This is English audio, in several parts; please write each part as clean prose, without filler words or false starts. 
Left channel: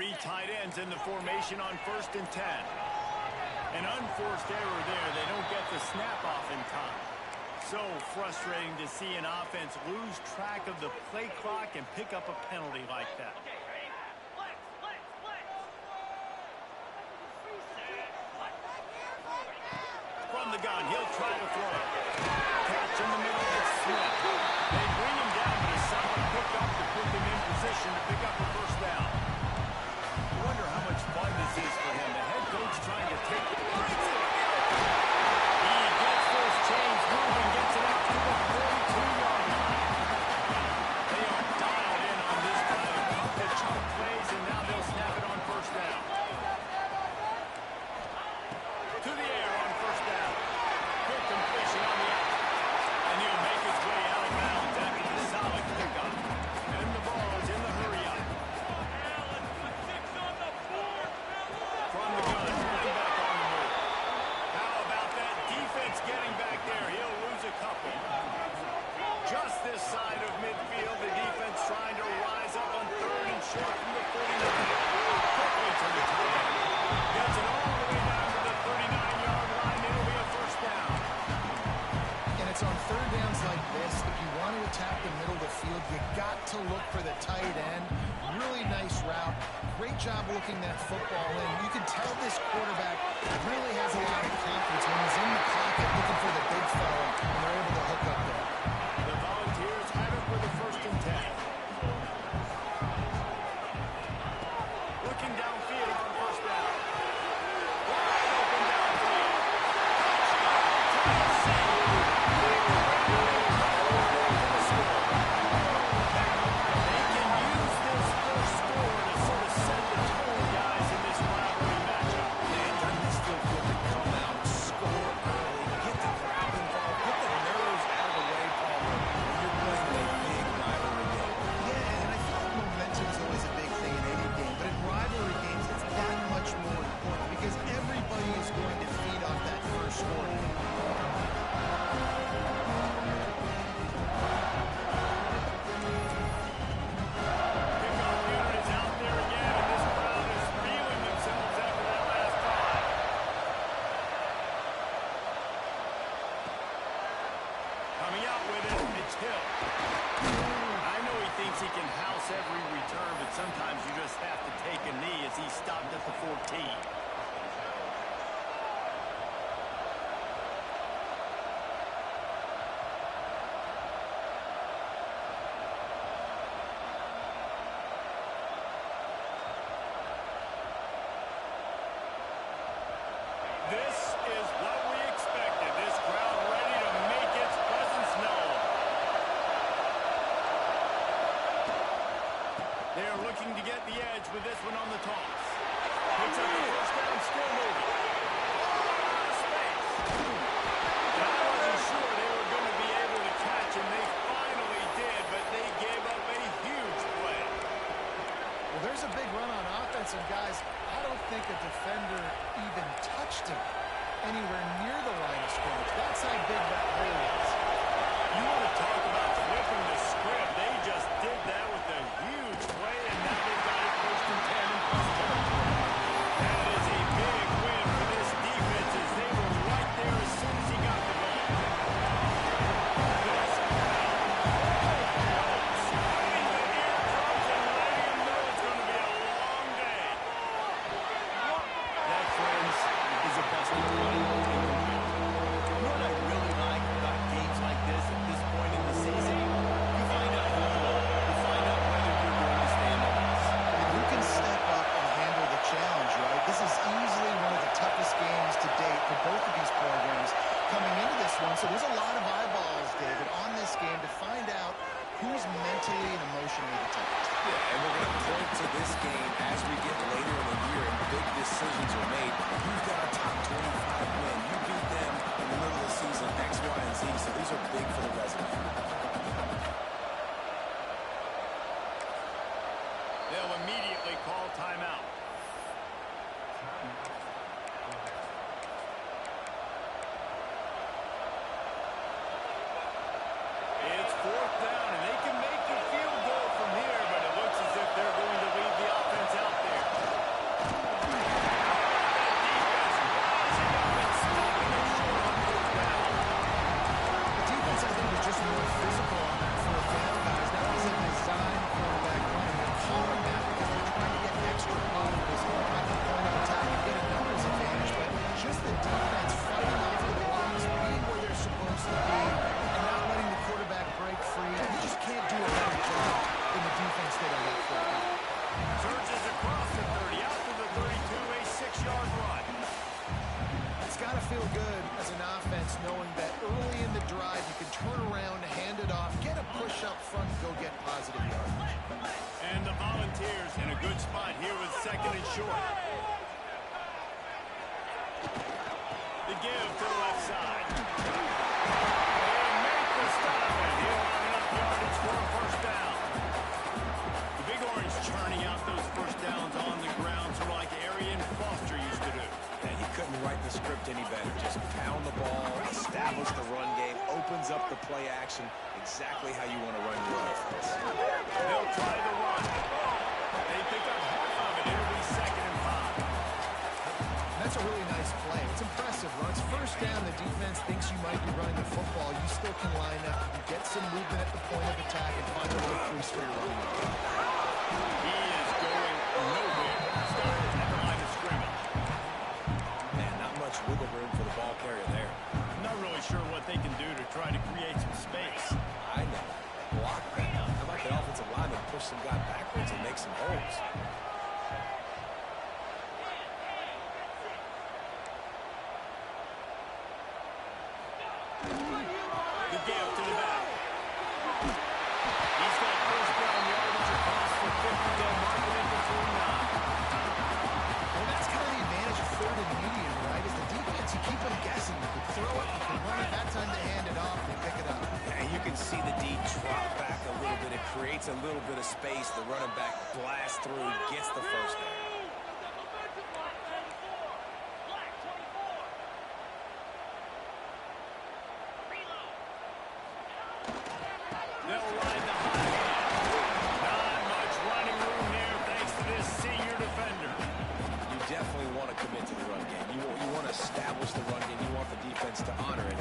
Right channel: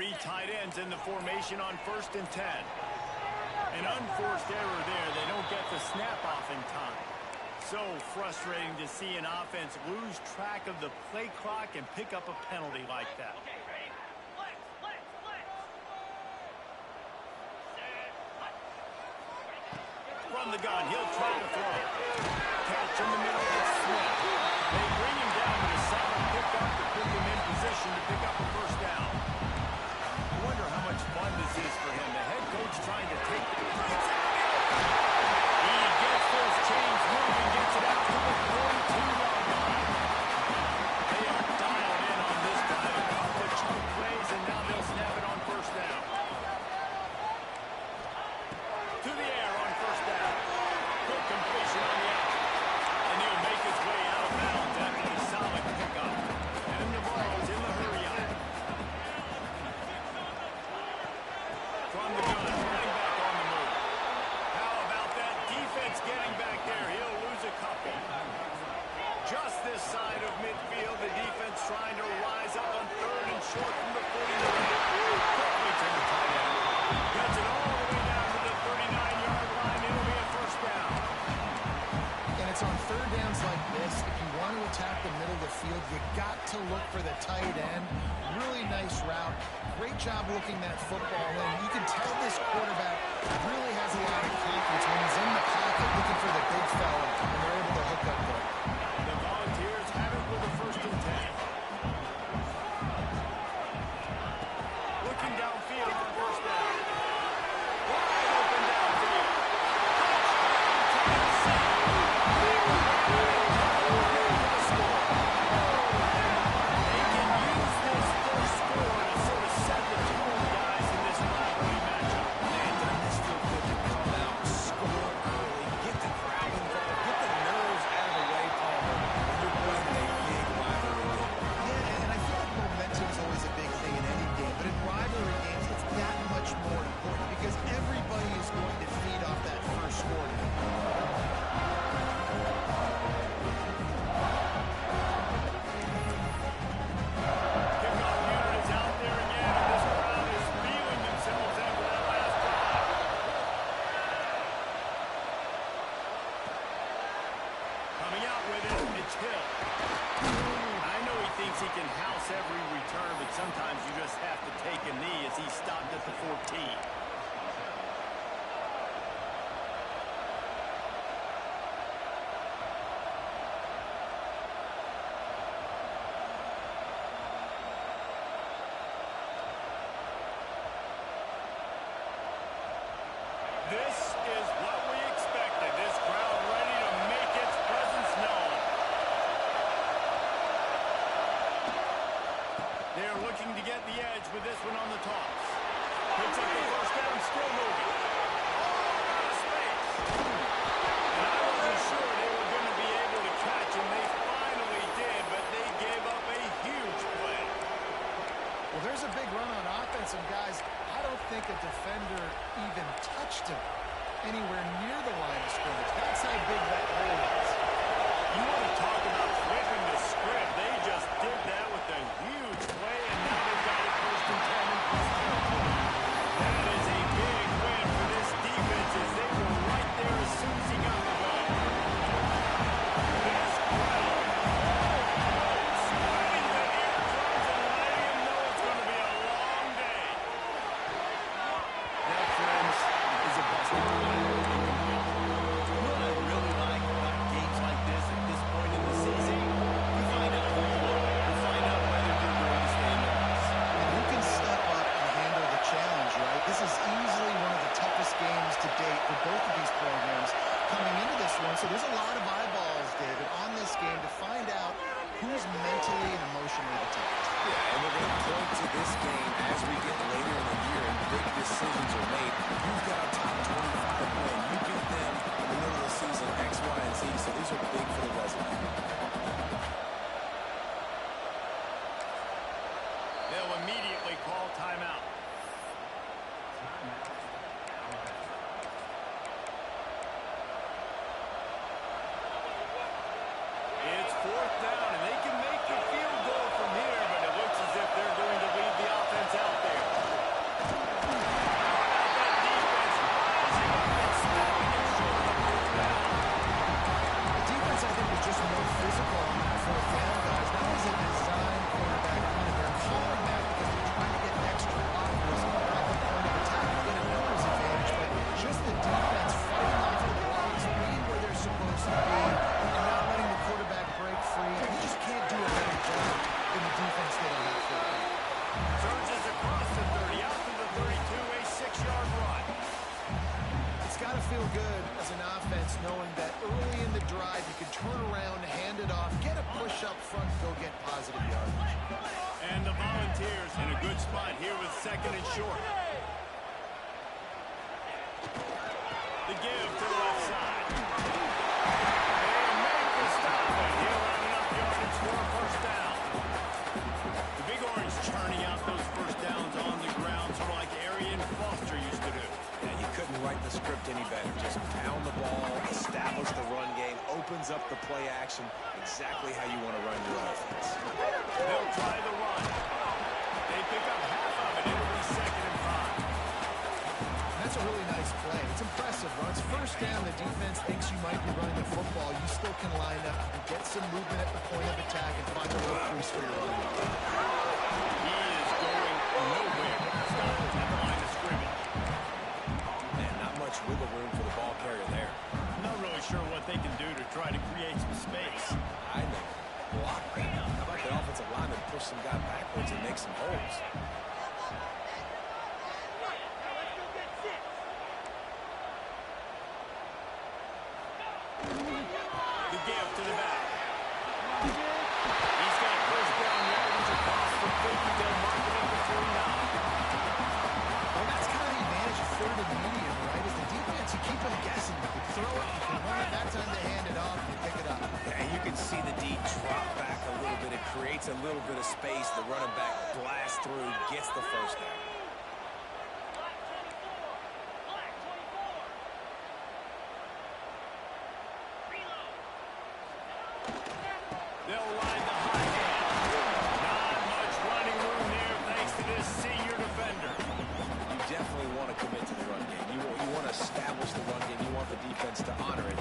Three tight ends in the formation on 1st and 10. An unforced error there. They don't get the snap off in time. So frustrating to see an offense lose track of the play clock and pick up a penalty like that. From the gun, he'll try to throw it. Catch in the middle, it's Smith. They bring him down, but a solid pickup to put them in position to pick up a first down. I wonder how much fun this is for him. The head coach trying to take the He gets those chains moving, gets it out to the 42-yard line. They are dialed in on this drive. A couple of chunk plays, and now they'll snap it on first down. To the air on first down. Quick completion on the out. And he'll make his way out of bounds after the solid pickup. And Navarro's in the hurry up. From the gun, running back on the move. How about that defense getting back there? He'll lose a couple. Just this side of midfield, the defense trying to rise up on 3rd and short from the 49. Quickly to the tight end. Gets it all the way down to the 39-yard line. It'll be a first down. And it's on 3rd downs like this. If you want to attack the middle of the field, you got to look for the tight end. Really nice route. Great job looking that football in. You can tell this quarterback really has a lot of confidence when he's in the pocket looking for the big fella, and they're able to hook up there. The Volunteers have it with a 1st and 10. Looking downfield on first down. Wide open downfield. Touchdown, Tennessee. They can use this first score to sort of set the tone, guys, in this rivalry matchup. Man, doesn't this feel good to come out, score early, get the crowd involved, get the nerves out of the way, Palmer, when you're playing in a big rivalry game. Yeah, and I feel like momentum is always a big thing in any game, but in rivalry games, it's that much more important because everybody is going to feed off that first score now. Kickoff unit is out there again, and this crowd is feeling themselves after that last drive. Coming out with it, it's Hill. I know he thinks he can house every return, but sometimes you just have to take a knee as he stopped at the 14. This is what we expected. This crowd ready to make its presence known. They're looking to get the edge with this one on the toss. Picks up the first down, still moving. All out of space. And I wasn't sure they were going to be able to catch him. They finally did, but they gave up a huge play. Well, there's a big run on offense, and guys, I don't think a defender even touched him anywhere near the line of scrimmage. That's how big that hole is. You want to talk about flipping the script. They just did that with a huge play, and now they've got it 1st and 10 in plus territory. That is a big win for this defense as they were right there as soon as he got the ball. This crowd spreading the eardrums and letting him know it's going to be a long day. That, friends, is a busted play. You know what I really like about games like this at this point in the season? You find out who you are. You find out whether you're going to stay in the race. And who can step up and handle the challenge, right? This is easily one of the toughest games to date for both of these programs coming into this one. So there's a lot of eyeballs, David, on this game to find out who's mentally and emotionally the toughest. Yeah, and we're going to point to this game as we get later in the year and big decisions are made. You've got a top 25 win. You beat them in the middle of the season, X, Y, and Z. So these are big for the resume. They'll immediately call timeout. It's 4th down, and they can make the field goal from here, but it looks as if they're going to leave the offense out there. just the defense fighting off the blocks, being where they're supposed to be, and not letting the quarterback break free. You just can't do a better job than the defense did on that fourth down. Surges across the 30, out to the 32, a 6-yard run. It's got to feel good as an offense knowing that early in the drive you can turn around, hand it off, get a push up front, and go get positive yardage. And the Volunteers in a good spot here with 2nd and short. The give to the left side. They make the stop, and he'll have enough yardage for a first down. The Big Orange churning out those first downs on the ground, sort of like Arian Foster used to do. Yeah, you couldn't write the script any better. Just pound the ball, establish the run game, opens up the play action, exactly how you want to run your offense. They'll try the run. They pick up half of it. It'll be 2nd and 5. That's a really nice play. It's impressive. When it's first down, the defense thinks you might be running the football. You still can line up. You can get some movement at the point of attack and find a little crease for your running. He is going nowhere. Stopped at the line of scrimmage. Man, not much wiggle room for the ball carrier there. Not really sure what they can do to try to create some space. I know. Block that. How about the offensive lineman push some guy backwards and make some holes? The give to the back. He's got first down yardage across the 50. They'll mark it at the 49. Well, that's kind of the advantage of 3rd and medium, right? Is the defense, you keep them guessing. You can throw it, you can run it. That time they hand it off, they pick it up. And you can see the D drop back a little bit. It creates a little bit of space. The running back blasts through, gets the first down. They'll ride the hot hand. Not much running room there thanks to this senior defender. You definitely want to commit to the run game. You want to establish the run game. You want the defense to honor it.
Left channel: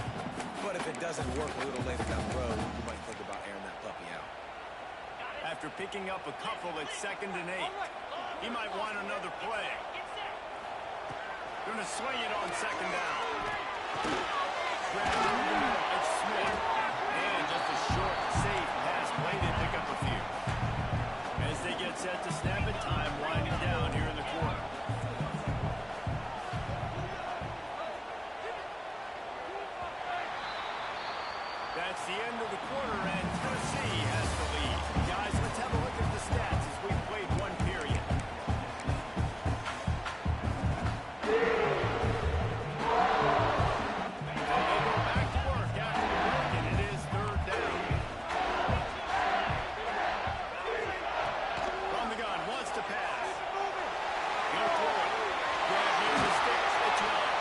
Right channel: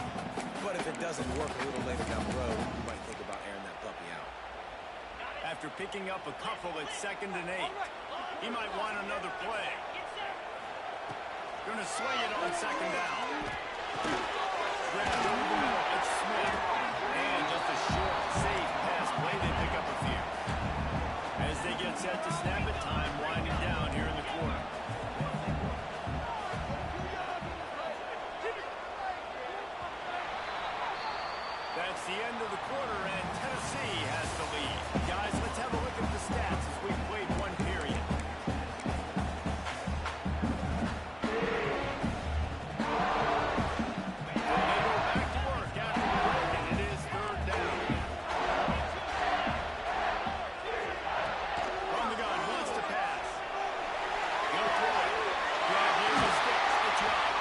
But if it doesn't work a little later down the road, you might think about airing that puppy out. After picking up a couple at 2nd and 8, he might want another play. Gonna swing it on 2nd down. Grabbed over the middle. It's Smith. And just a short, safe pass play. They pick up a few. As they get set to snap it, time winding down here in the quarter. That's the end of the quarter, and Tennessee has the lead. Guys, let's have a look at the stats as we've played one period. They go back to work after the break, and it is 3rd down. From the gun, wants to pass. He'll throw it. Grab near the sticks. It's Young.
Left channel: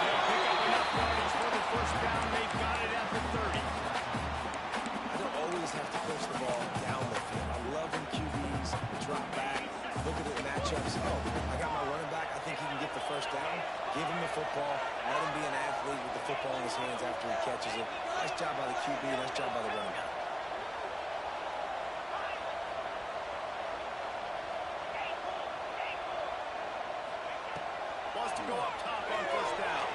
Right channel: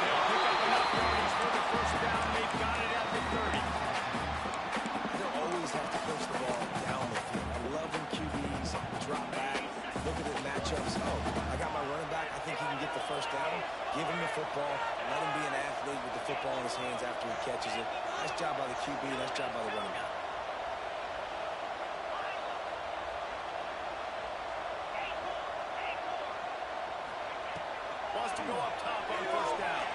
They'll pick up enough yardage for the first down. They've got it at the 30. I don't always have to push the ball down the field. I love when QBs drop back, look at it in matchups. Oh, I got my running back. I think he can get the first down. Give him the football. Let him be an athlete with the football in his hands after he catches it. Nice job by the QB. Nice job by the running back. Wants to go up top on first down.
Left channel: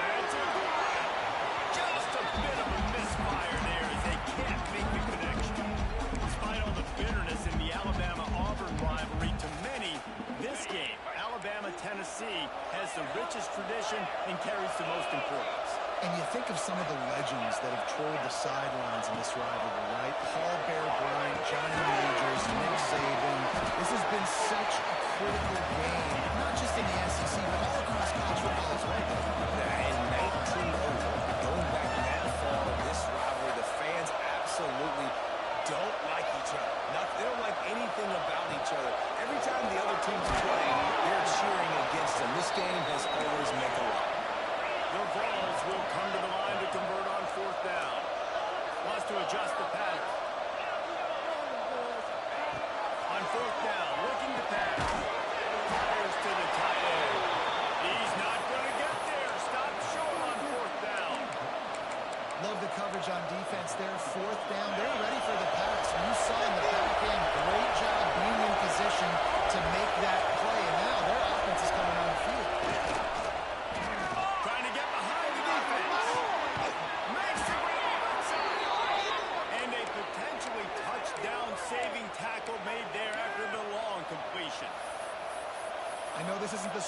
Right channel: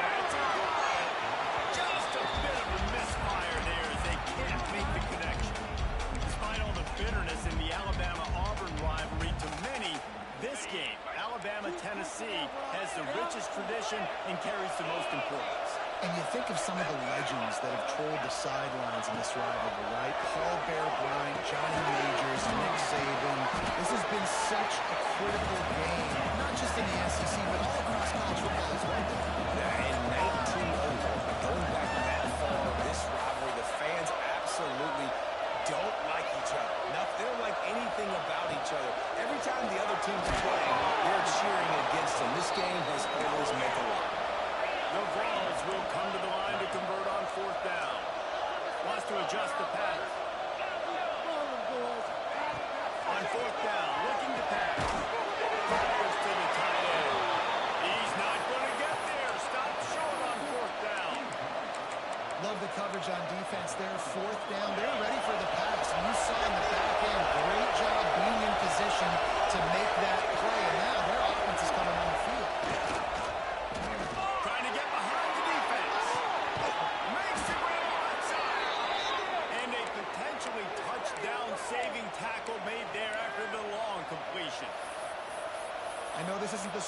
That's it. Just a bit of a misfire there as they can't make the connection. Despite all the bitterness in the Alabama-Auburn rivalry, to many, this game, Alabama-Tennessee, has the richest tradition and carries the most importance. And you think of some of the legends that have trolled the sidelines in this rivalry, right? Paul Bear Bryant, Johnny Majors, Nick Saban. This has been such a critical game, not just in the SEC, but all across college football as well. In 1901, going back that far, this rivalry, the fans absolutely don't like each other. They don't like anything about each other. Every time the other team's playing, they're cheering against them. This game has always meant a lot. The Vols will come to the line to convert on 4th down. Wants to adjust the pattern. On 4th down, looking to pass. Fires to the tight end. He's not going to get there. Stopped short on 4th down. Love the coverage on defense there. 4th down. They're ready for the pass. And you saw in the back end, great job being in position to make that play. And now their offense is coming on the field.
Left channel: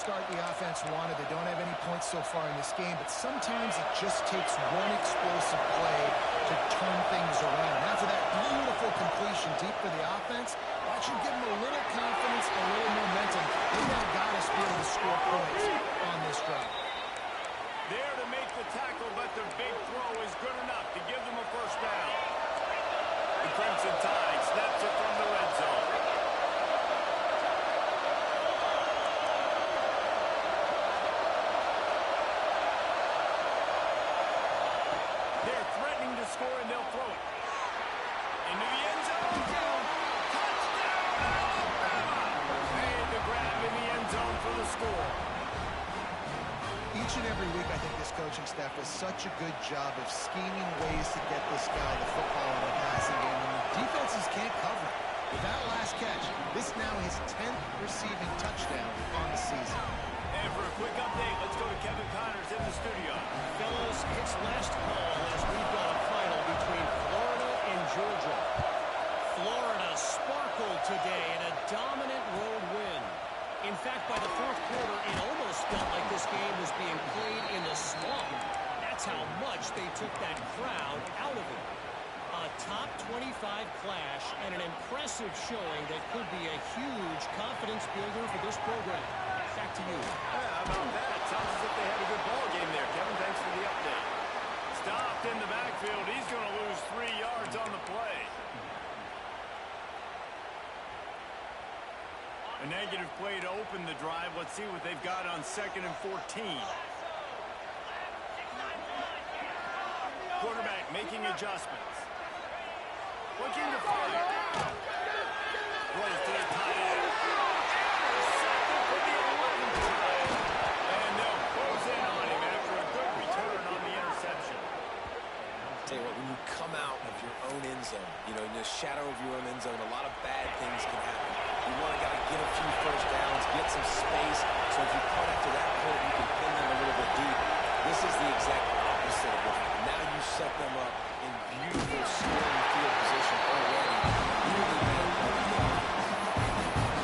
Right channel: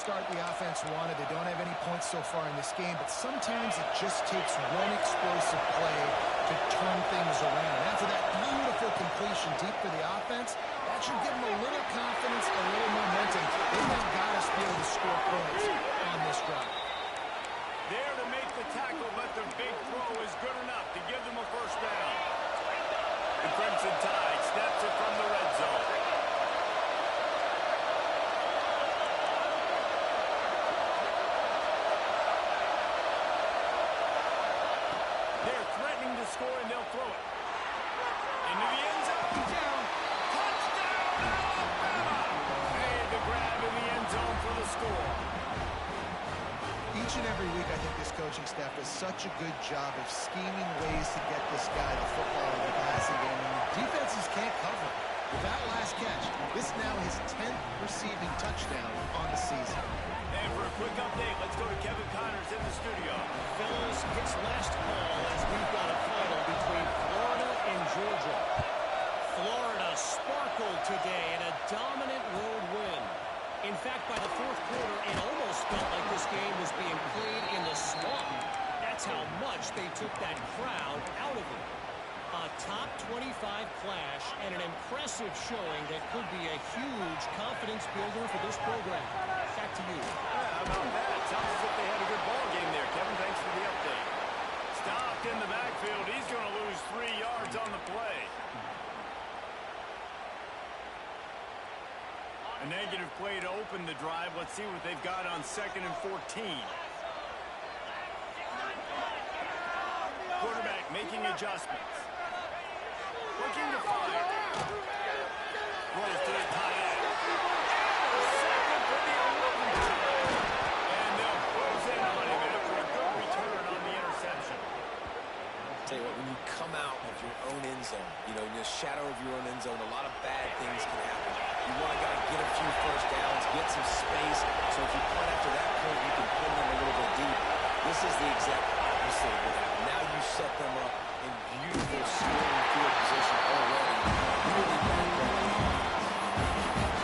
start the offense wanted. They don't have any points so far in this game, but sometimes it just takes one explosive play to turn things around. After that beautiful completion deep for the offense, that should give them a little confidence, a little momentum. They've now got to be able to score points on this drive. There to make the tackle, but the big throw is good enough to give them a first down. The Crimson Tide snaps it from the red zone. They're threatening to score, and they'll throw it. Into the end zone. Touchdown, Alabama! Made the grab in the end zone for the score. Each and every week, I think this coaching staff does such a good job of scheming ways to get this guy the football in the passing game. And the defenses can't cover it. With that last catch, this is now his 10th receiving touchdown on the season. And for a quick update, let's go to Kevin Connors in the studio. Fellas, it's last call as we've got a final between Florida and Georgia. Florida sparkled today in a dominant road win. In fact, by the fourth quarter, it almost felt like this game was being played in the swamp. That's how much they took that crowd out of it. A top 25 clash and an impressive showing that could be a huge confidence builder for this program. Back to you. Yeah, how about that? Sounds as if they had a good ball game there. Kevin, thanks for the update. Stopped in the backfield. He's going to lose 3 yards on the play. A negative play to open the drive. Let's see what they've got on 2nd and 14. Quarterback making adjustments. Looking to fire. Throws to the tight end. Intercepted for the 11th time. And they'll close in on him after a good return on the interception. Tell you what, when you come out of your own end zone, you know, in the shadow of your own end zone, a lot of bad things can happen. You want to get a few first downs, get some space, so if you punt after that point, you can pin them a little bit deep. This is the exact opposite of what happened. Now you set them up in beautiful scoring field position already. Really bad play on the offense.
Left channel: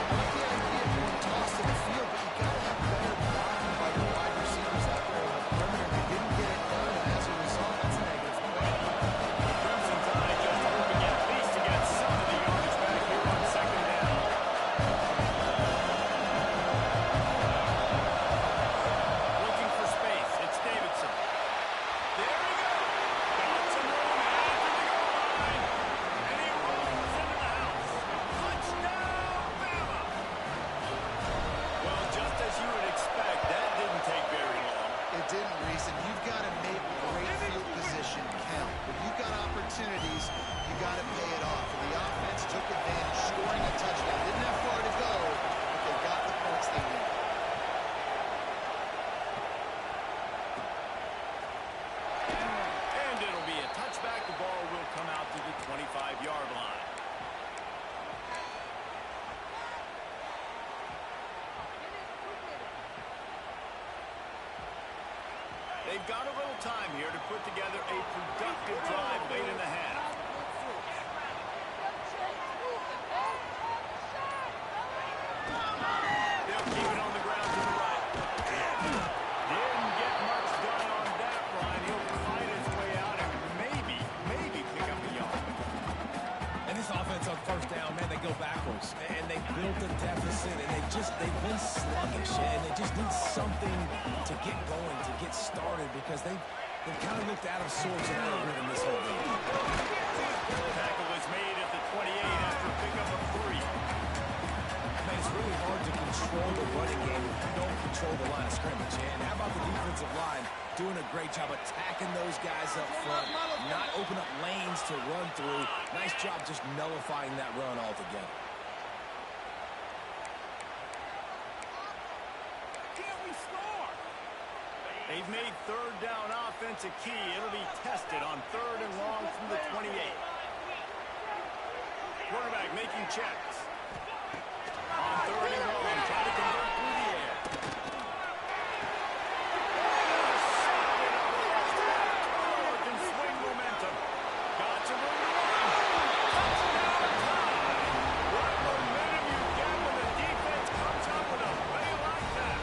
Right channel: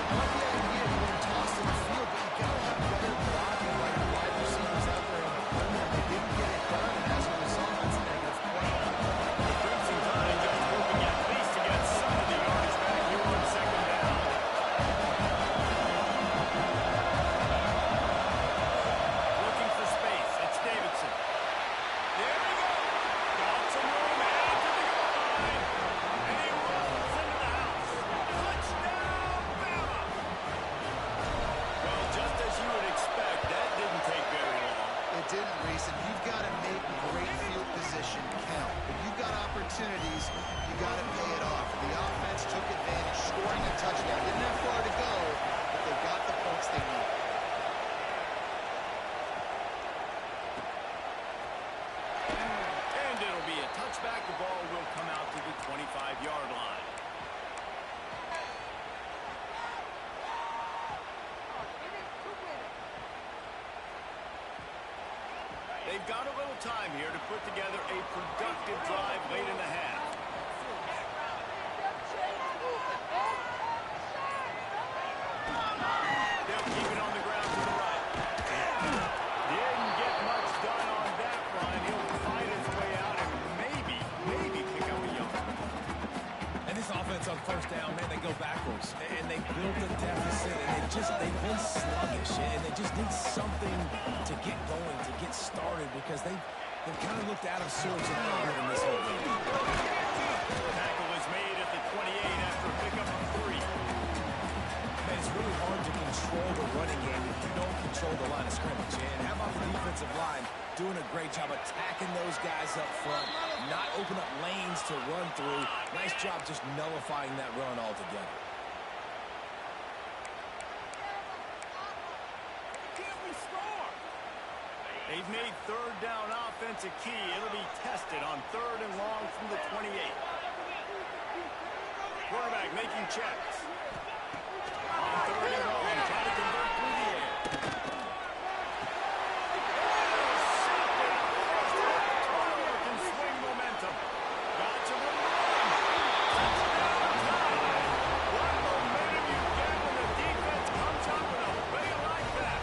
I like the idea of going tossed in the field, but you got to have better blocking by your wide receivers out there on the perimeter. They didn't get it done, and as a result, that's a negative play. The Crimson Tide just hoping at least to get some of the yardage back here on 2nd down. Looking for space. It's Davidson. There he goes. Got some room after the goal line. And he rolls into the house. Touchdown, Bama! Well, just as you would expect, that didn't take very long. It didn't, Reese, and you've got to make great field position count. When you've got opportunities, you got to pay it off. And the offense took advantage, scoring a touchdown. Didn't have far to go, but they got the points they needed. And it'll be a touchback. The ball will come out to the 25-yard line. They've got a little time here to put together a productive drive late in the half. They'll keep it on the ground to the right. Didn't get much done on that run. He'll fight his way out and maybe pick up a yard. And this offense on first down, man, they go backwards. And they built a deficit, and they've been sluggish. And they just need something to get going, to get started, because they've kind of looked out of sorts and out of rhythm this whole game. Tackle is made at the 28 after a pickup of 3. Man, it's really hard to control the running game if you don't control the line of scrimmage. And how about the defensive line doing a great job attacking those guys up front, not open up lanes to run through. Nice job just nullifying that run altogether. Can't we score? They've made 3rd down offense a key. It'll be tested on 3rd and long from the 28. Quarterback making checks. On 3rd and long, trying to convert through the air. Intercepted. First half turnover can swing momentum. Got some room to run. Touchdown time. What momentum you get when the defense comes out with a play like that.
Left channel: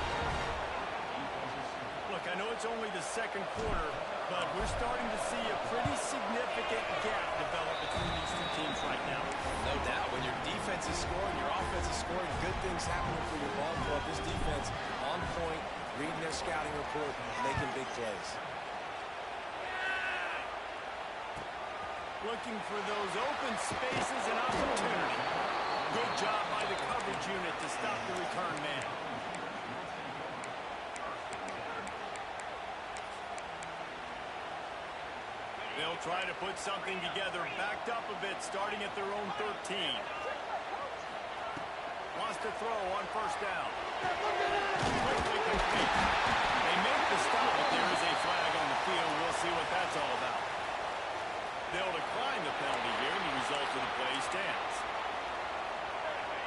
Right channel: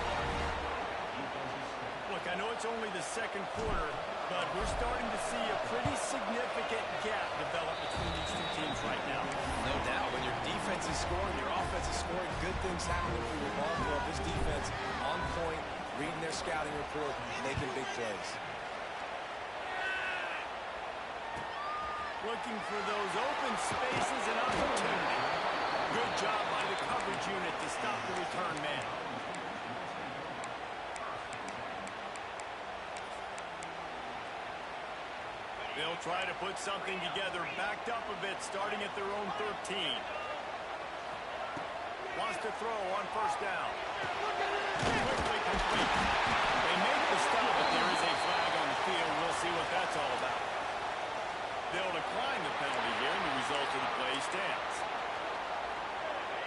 Look, I know it's only the second quarter, but we're starting to see a pretty significant gap develop between these two teams right now. No doubt. When your defense is scoring, your offense is scoring, good things happening for your ball club. This defense on point, reading their scouting report, making big plays. Looking for those open spaces and opportunity. Good job by the coverage unit to stop the return man. They'll try to put something together, backed up a bit, starting at their own 13. Wants to throw on first down. Quickly complete. They make the stop, but there is a flag on the field. We'll see what that's all about. They'll decline the penalty here, and the result of the play stands.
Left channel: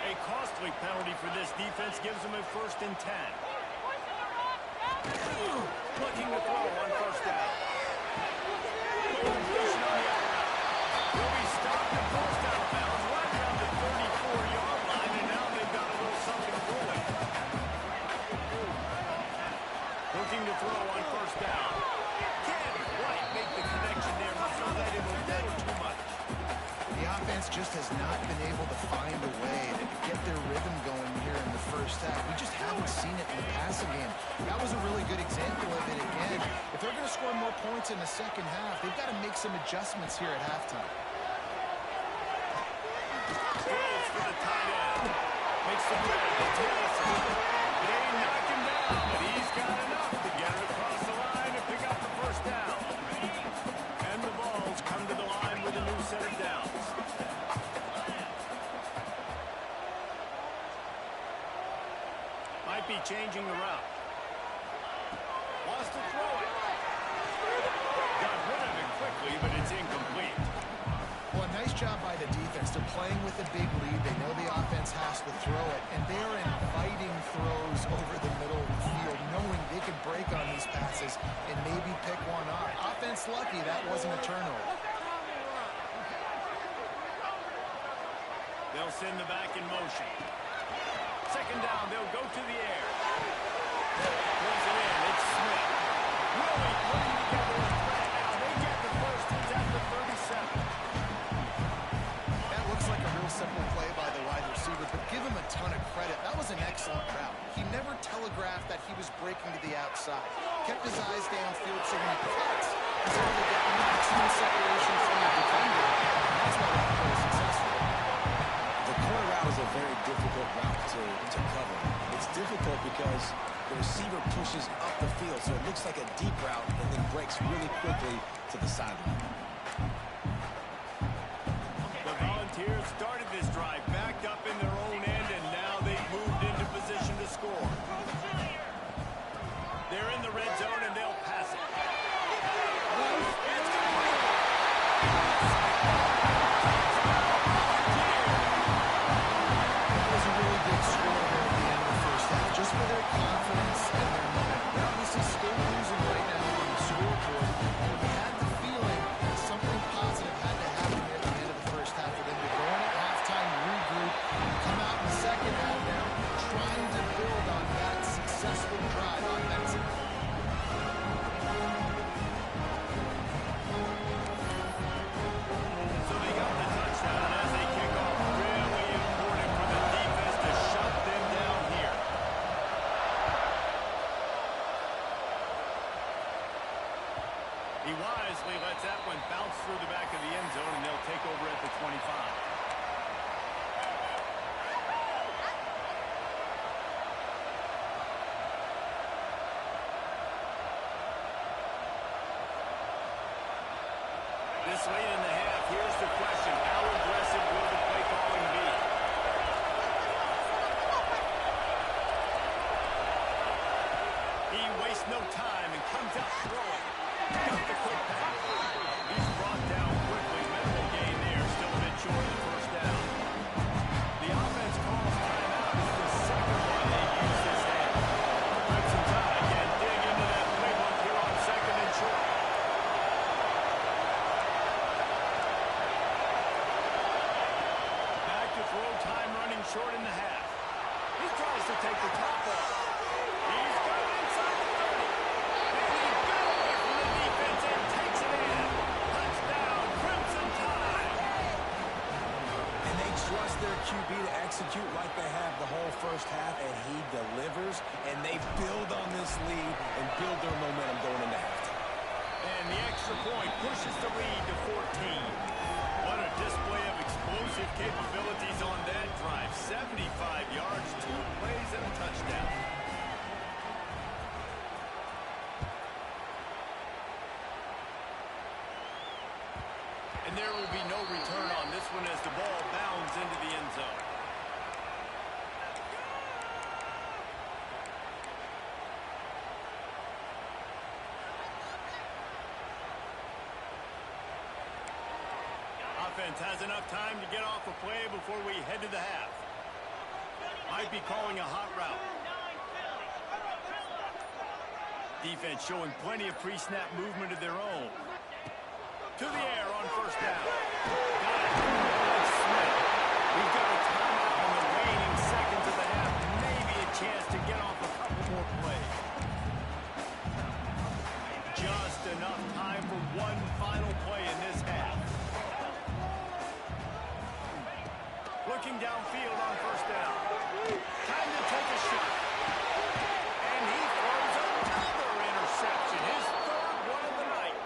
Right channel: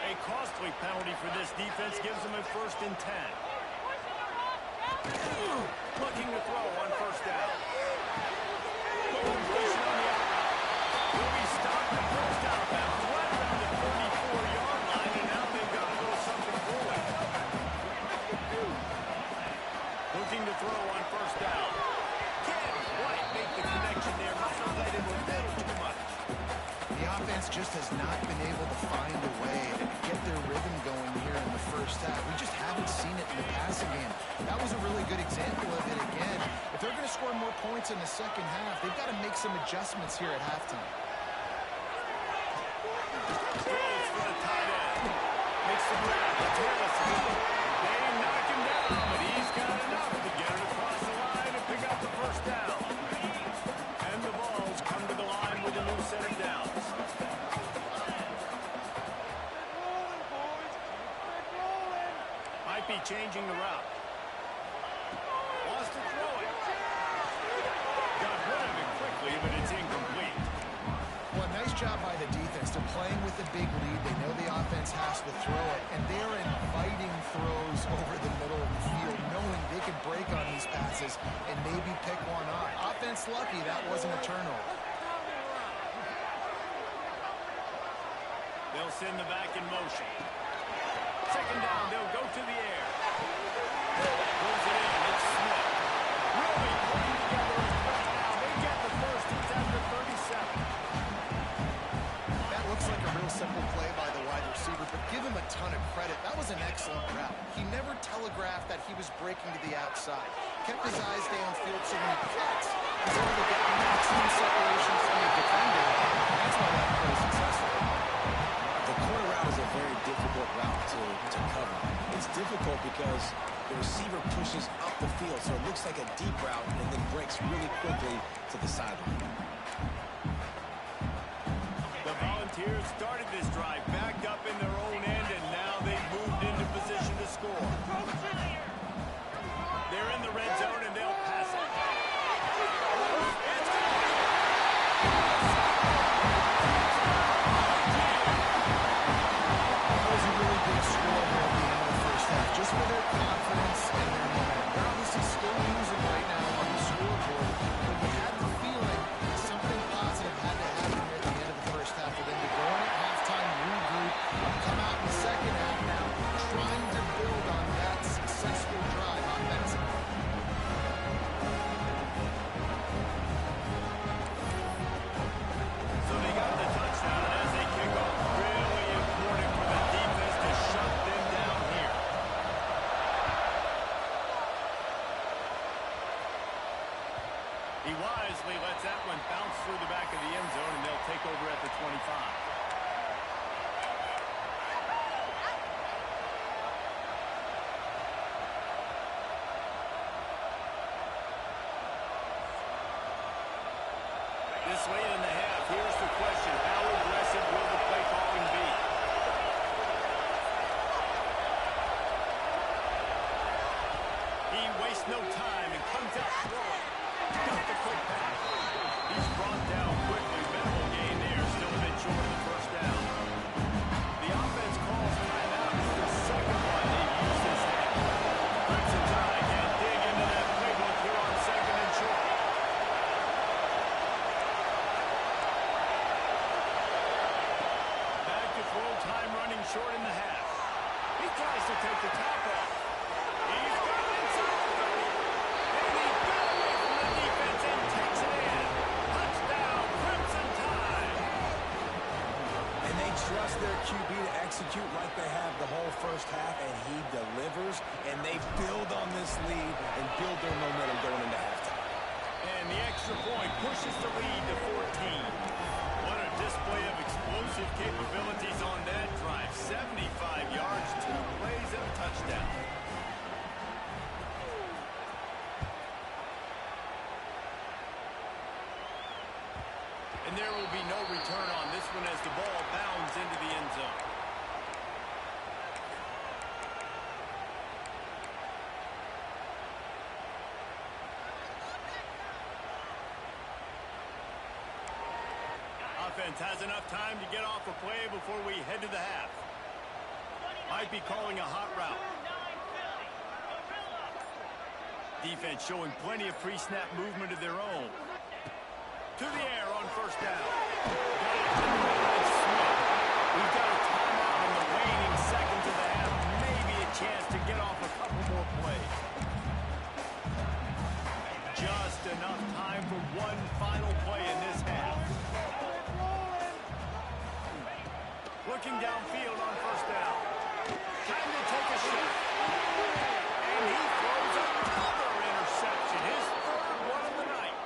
A costly penalty for this defense gives them a 1st and 10. Looking to throw on first down. Completion on the out route. Will be stopped and forced out of bounds right around the 34-yard line, and now they've got a little something brewing. Looking to throw on first down. Can't quite make the connection there. Must have let him a little too much. The offense just has not been able to find a way to get their rhythm going here in the first half. We just haven't seen it in the passing game. That was a really good example of it again. If they're going to score more points in the second half, they've got to make some adjustments here at halftime. Throws for the tight end. Makes the grab. It's Harrison. They knock him down, but he's got enough to get it across the line and pick up the first down. And the Vols come to the line with a new set of downs. Might be changing the route. Wants to throw it. Got rid of it quickly, but it's incomplete. Well, a nice job by the defense. They're playing with a big lead. They know the offense has to throw it, and they're inviting throws over the middle of the field, knowing they can break on these passes and maybe pick one off. Offense lucky that wasn't a turnover. They'll send the back in motion. Second down, they'll go to the air. Pulls it in, it's Smith. Really putting together a threat now. They get the first, it's at the 37. That looks like a real simple play by the wide receiver, but give him a ton of credit. That was an excellent route. He never telegraphed that he was breaking to the outside. Kept his eyes downfield, so when he cuts, he's able to get maximum separation from the defender. And that's why that play is successful. The corner route is a very difficult route to cover. It's difficult because the receiver pushes up the field, so it looks like a deep route and then breaks really quickly to the sideline. The Volunteers started this drive backed up in their own end, and now they've moved into position to score. They're in the red zone, and they'll pass it. It's complete. That was a really big score there at the end of the first half, just for their confidence and their momentum. They're obviously still losing right now on the scoreboard, but you had the feeling something positive had to happen here at the end of the first half for them to go in at halftime, regroup, come out in the second half now, trying to build on that successful drive offensively. So they got the touchdown, and as they kick off, really important for the defense to shut them down here. He wisely lets that one bounce through the back of the end zone, and they'll take over at the 25. This late in the half, here's the question. How aggressive will the play calling be? He wastes no time and comes out throwing. Got the quick pass. He's brought down quickly. Minimal gain there. Still a bit short of the first down. The offense calls timeout. It's the second one they've used this half. Crimson Tide can dig into that playbook here on second and short. Back to throw, time running short in the half. He tries to take the top off. He's got it inside the 30. trust their QB to execute like they have the whole first half, and he delivers, and they build on this lead and build their momentum going into halftime. And the extra point pushes the lead to 14. What a display of explosive capabilities on that drive. 75 yards, 2 plays, and a touchdown. And there will be no return on this one as the ball bounds into the end zone. Offense has enough time to get off a play before we head to the half. Might be calling a hot route. Defense showing plenty of pre-snap movement of their own. To the air on first down. Got it. It's Smith. We've got a timeout in the waning seconds of the half. Maybe a chance to get off a couple more plays. Just enough time for one final play in this half. Looking downfield on first down. Time to take a shot. And he throws another interception. His third one of the night.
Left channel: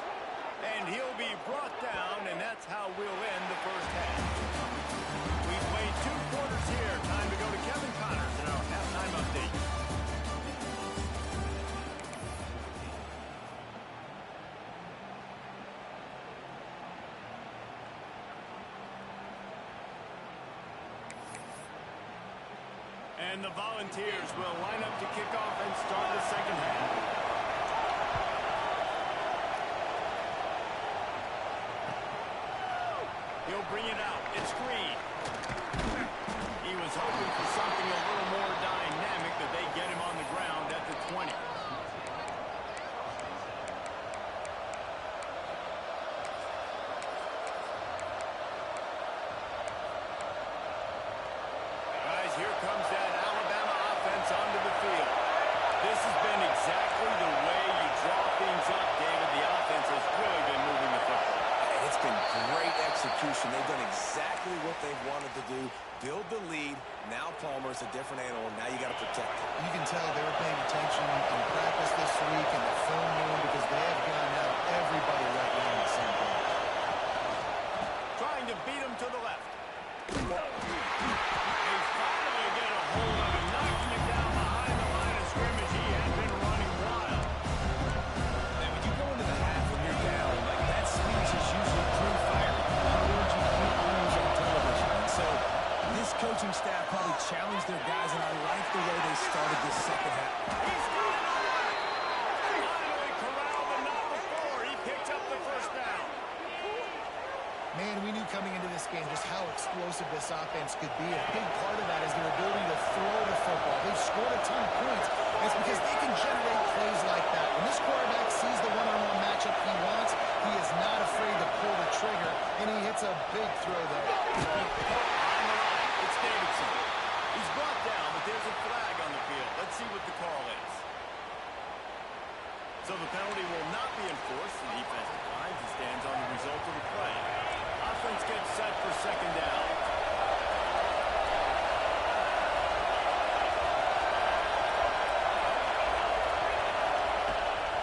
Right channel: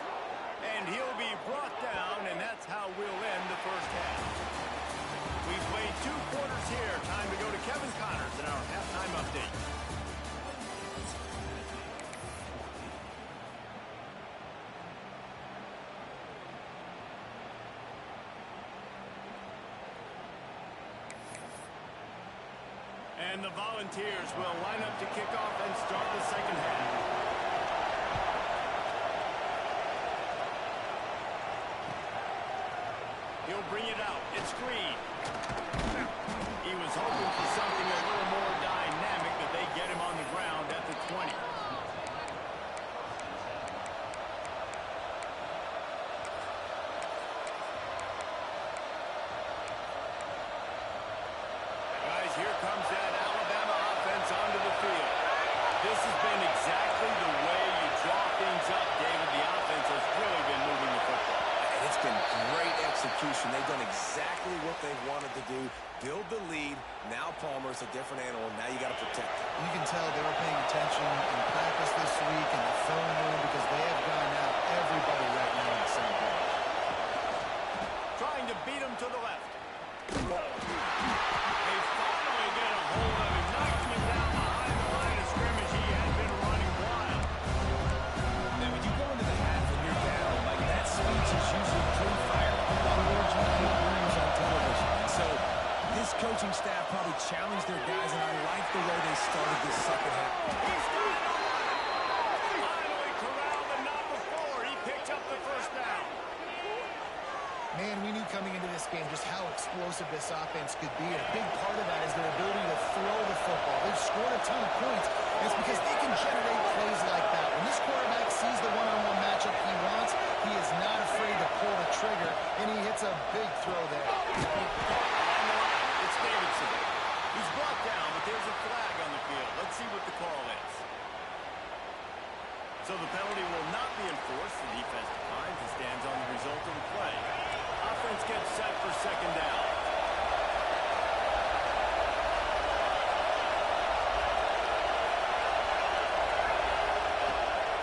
And he'll be brought down, and that's how we'll end the first half. We've played 2 quarters here. Time to go to Kevin Connors in our halftime update. And the Volunteers will line up to kick off and start the second half. He'll bring it out. It's Green. He was hoping for something a little more dynamic, that they get him on the ground at the 20. Guys, here comes that Alabama offense onto the field. This has been exactly the way you draw things up, David. The offense has really been moving the football. And it's been great execution. They've done exactly what they've wanted to do. Build the lead. Now Palmer's a different animal. Now you got to protect him. You can tell they were paying attention in practice this week in the film room, because they have gone out everybody right now in the same page. Trying to beat him to the left. They finally get a hold of him, knocking him down behind the line of scrimmage. He had been running wild. Now, when you go into the half and you're down, like, that speech is usually pretty fiery. A lot of words you can't use on television. And so this coaching staff probably challenged their guys, and I like the way they started this second half. He's got it on the left. Finally corralled, but not before. He picked up the first down. Man, we knew coming into this game just how explosive this offense could be. And a big part of that is their ability to throw the football. They've scored a ton of points, and it's because they can generate plays like that. When this quarterback sees the one-on-one matchup he wants, he is not afraid to pull the trigger, and he hits a big throw there. On the line, it's Davidson. He's brought down, but there's a flag on the field. Let's see what the call is. So the penalty will not be enforced. The defense declines and stands on the result of the play. Offense gets set for second down.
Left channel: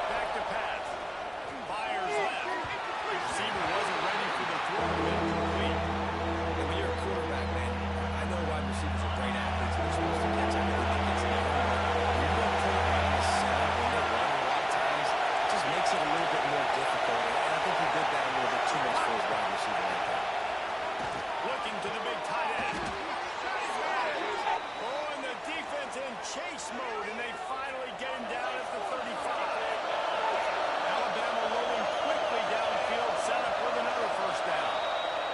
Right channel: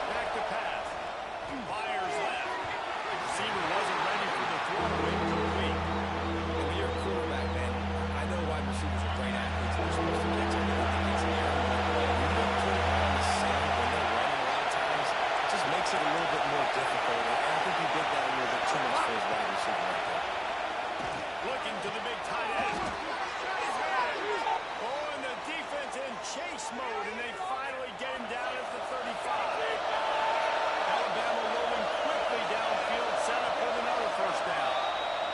Back to pass. Fires left. Receiver wasn't ready for the throw. Incomplete. And when you're a quarterback, man, I know wide receivers are great athletes, and they're supposed to catch everything that gets in the air. But when you don't put it right in the center, when they're running a lot of times, it just makes it a little bit more difficult. And I think he did that a little bit too much for his wide receiver right there. Looking to the big tight end. Oh, and the defense in chase mode, and they finally get him down at the 35. Alabama rolling quickly downfield, set up with another first down.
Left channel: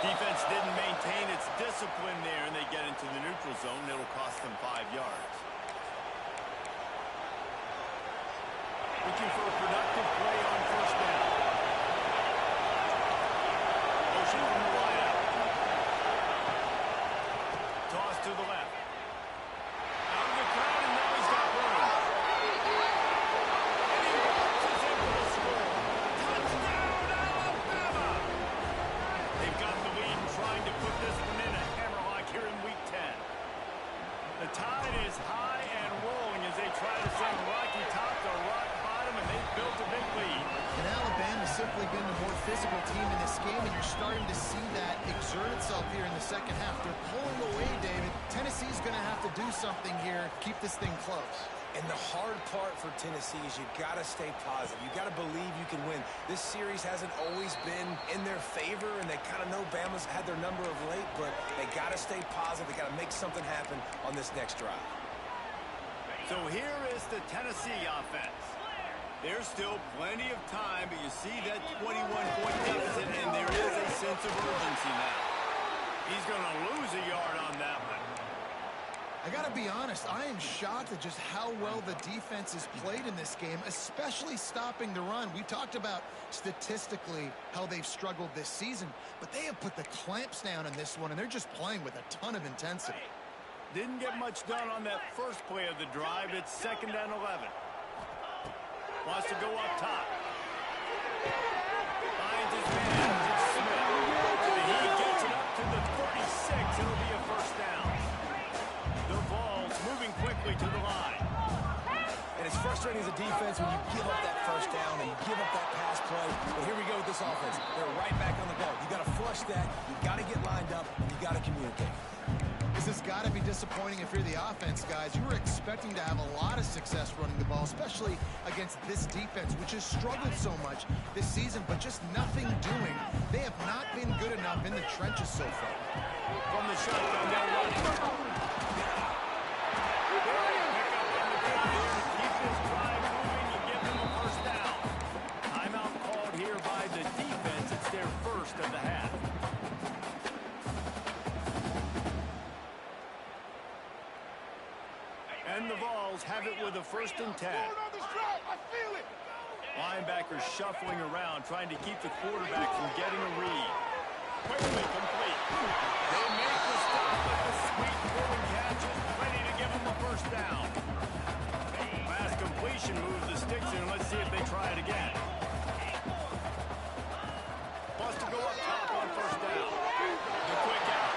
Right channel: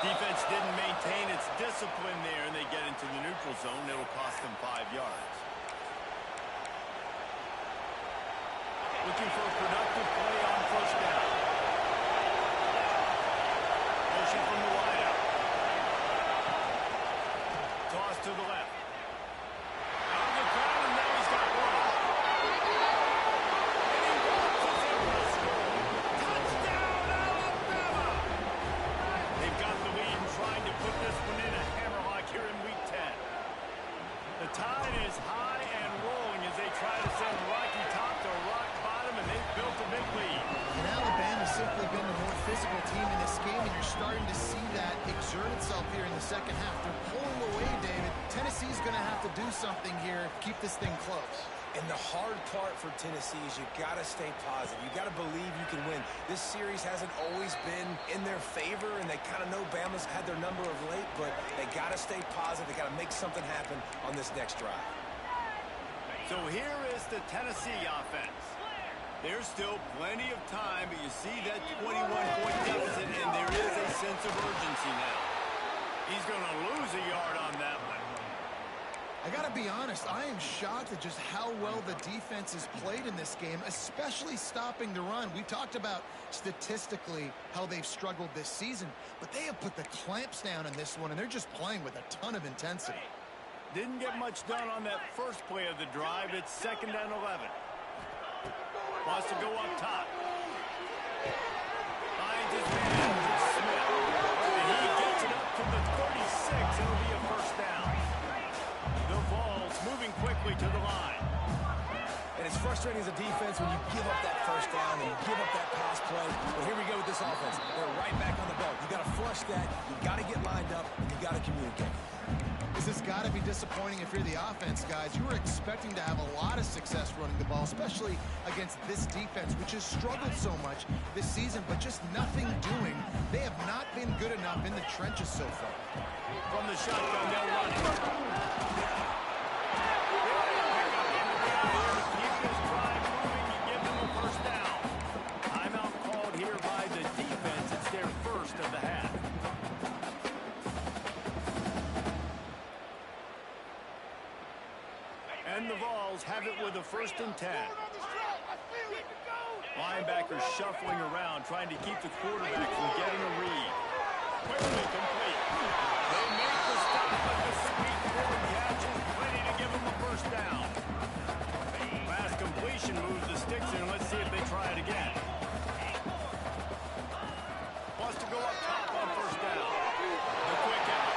Defense didn't maintain its discipline there, and they get into the neutral zone. It'll cost them 5 yards. Looking for a productive play on first down. Motion from the wideout. Toss to the left. Out of the crowd, and now he's got room. And he launches in for the score. Touchdown, Alabama! They've got the lead and trying to put this one in a hammerlock here And Alabama's simply been the more physical team in this game, and you're starting to see that exert itself here in the second half. They're pulling away, David. Tennessee's going to have to do something here, keep this thing close. And the hard part for Tennessee is you got to stay positive. You got to believe you can win. This series hasn't always been in their favor, and they kind of know Bama's had their number of late, but they got to stay positive. They got to make something happen on this next drive. So here is the Tennessee offense. There's still plenty of time, but you see that 21-point deficit, and there is a sense of urgency now. He's going to lose a yard on that one. I got to be honest, I am shocked at just how well the defense has played in this game, especially stopping the run. We talked about statistically how they've struggled this season, but they have put the clamps down in this one, and they're just playing with a ton of intensity. Didn't get much done on that first play of the drive. It's 2nd and 11. Wants to go up top. Finds his man, it's Smith. And he gets it up to the 36. It'll be a first down. The Vols moving quickly to the line. And it's frustrating as a defense when you give up that first down and you give up that pass play. But here we go with this offense. They're right back on the ball. You got to flush that. You got to get lined up, and you got to communicate. This has got to be disappointing if you're the offense, guys. You were expecting to have a lot of success running the ball, especially against this defense, which has struggled so much this season, but just nothing doing. They have not been good enough in the trenches so far. From the shotgun, they'll run it. Pick up on the ground here to keep this drive moving. You give them a first down. Timeout called here by the defense. It's their first of the half. And the Vols have it with a 1st and 10. Linebackers shuffling around, trying to keep the quarterback from getting a read. Quickly complete. They make the stop, but the sweet throwing catch is plenty to give them a first down. Fast completion moves the sticks in. Let's see if they try it again. Wants to go up top on first down. The quick out.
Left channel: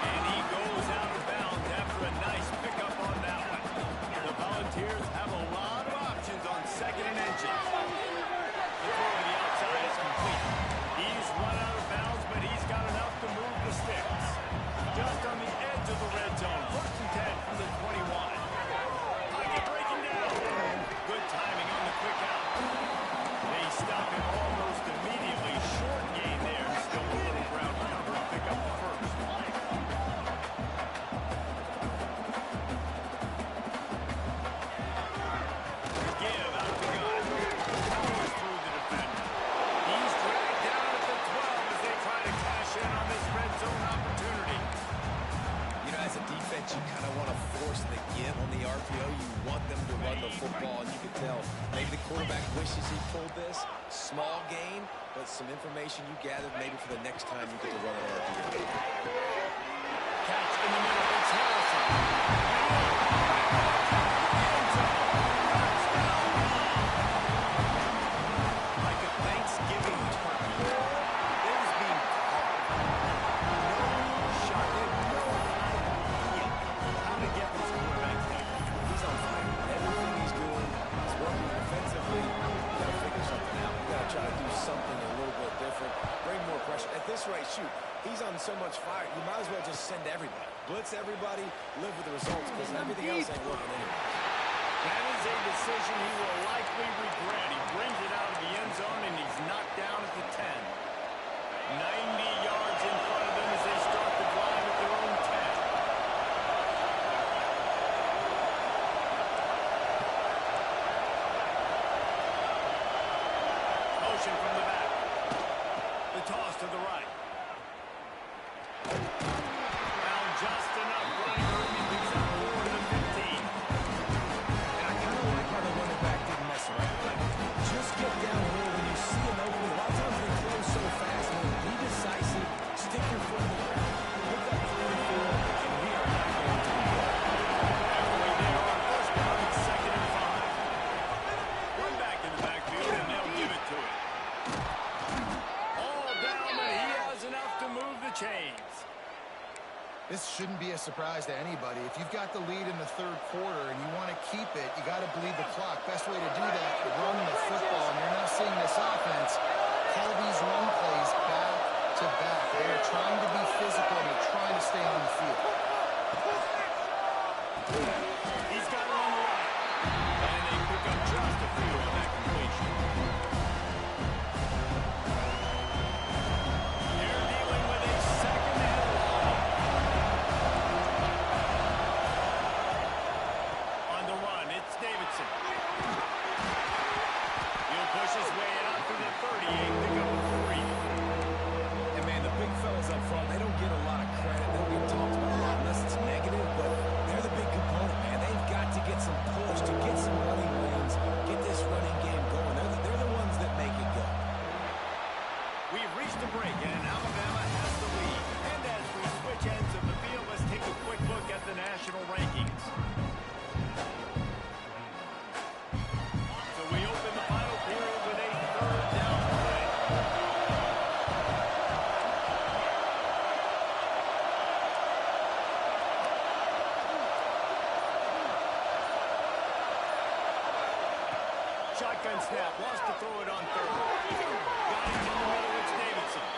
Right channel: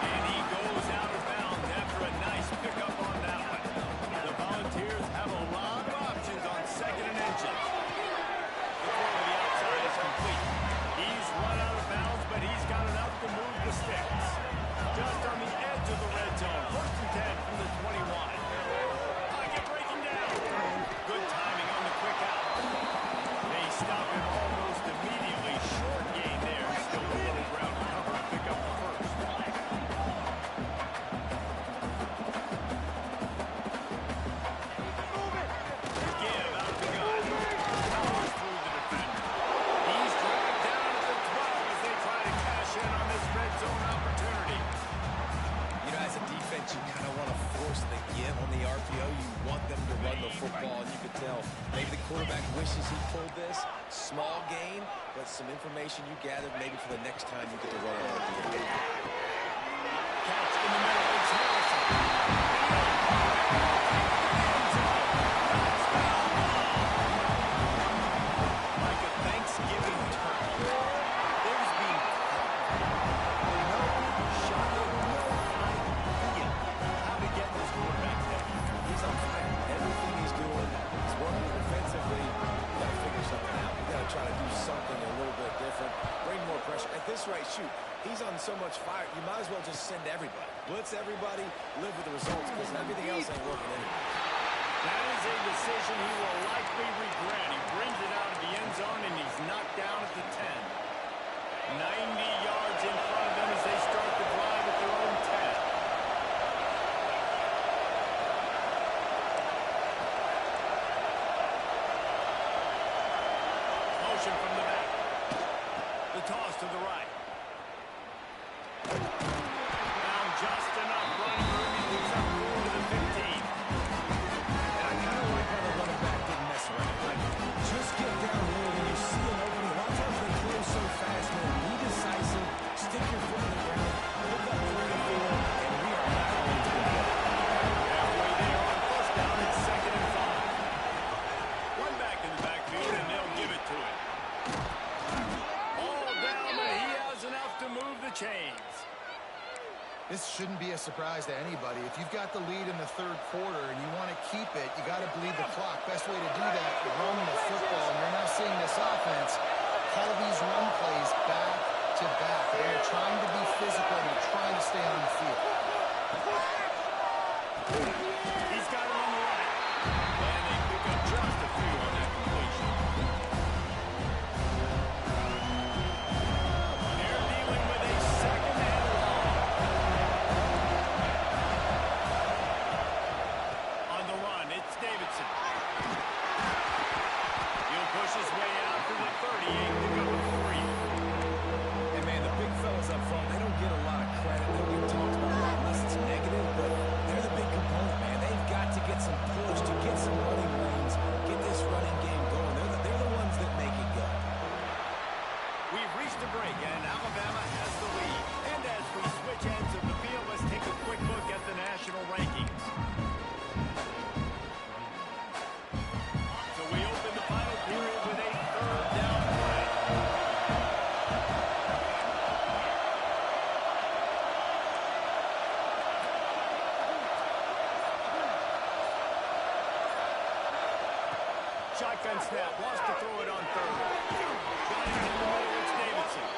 And he goes out of bounds after a nice pickup on that one. The Volunteers have a lot of options on 2nd and inches. The throw to the outside is complete. He's run out of bounds, but he's got enough to move the sticks. Just on the edge of the red zone. 1st and 10 from the 21. Pocket breaking down. Good timing on the quick out. They stop him almost immediately. Short gain there. Still a little ground cover. Pick up the first. Give out of the gun. Powers through the defender. He's dragged down at the 12 as they try to cash in on this red zone opportunity. You know, as a defense, you kind of want to force the give on the RPO. You want them to run the football, and you can tell maybe the quarterback wishes he pulled this. Small gain, but some information you gathered maybe for the next time you get to run an RPO. Catch in the middle. It's Harrison. And he'll pull it. Kick to the end zone. Touchdown. Like a Thanksgiving turkey. They're just being caught. No shot. They have no idea how to get this quarterback there. He's on fire. Everything he's doing is working defensively. You got to figure something out. You got to try to do something a little bit different. Bring more pressure. At this rate, shoot, he's on so much fire, you might as well just send everybody. Blitz everybody, live with the results, because everything else ain't working anyway. That is a decision he will likely regret. He brings it out of the end zone, and he's knocked down at the 10. 90 yards in front of them as they start the drive at their own 10. Motion from the back. The toss to the right. Found just enough running room. He picks up 4 to the 15. And I kind of like how the running back didn't mess around. Like, just get down here when you see an opening. A lot of times they close so fast, man. Be decisive. Stick your foot in the ground. Pick up 3 to 4, and we are not going to the play. Halfway there on first down. It's 2nd and 5. One back in the backfield, and they'll give it to him. All down, but he has enough to move the chains. This shouldn't be a surprise to anybody. If you've got the lead in the 3rd quarter and you want to keep it, you got to bleed the clock. Best way to do that, run the football. And you're now seeing this pick up a 3. And, man, the big fellas up front, they don't get a lot of credit. They don't get talked about a lot unless it's negative, but they're the big component, man. They've got to get some push, to get some running lanes, get this running game going. They're the ones that make it go. We've reached a break, and Alabama has the lead. And as we switch ends of the field, let's take a quick look at the national rankings. So we open the final period with a third down play. Shotgun snap, wants to throw it on third. Got it in the middle, it's Davidson.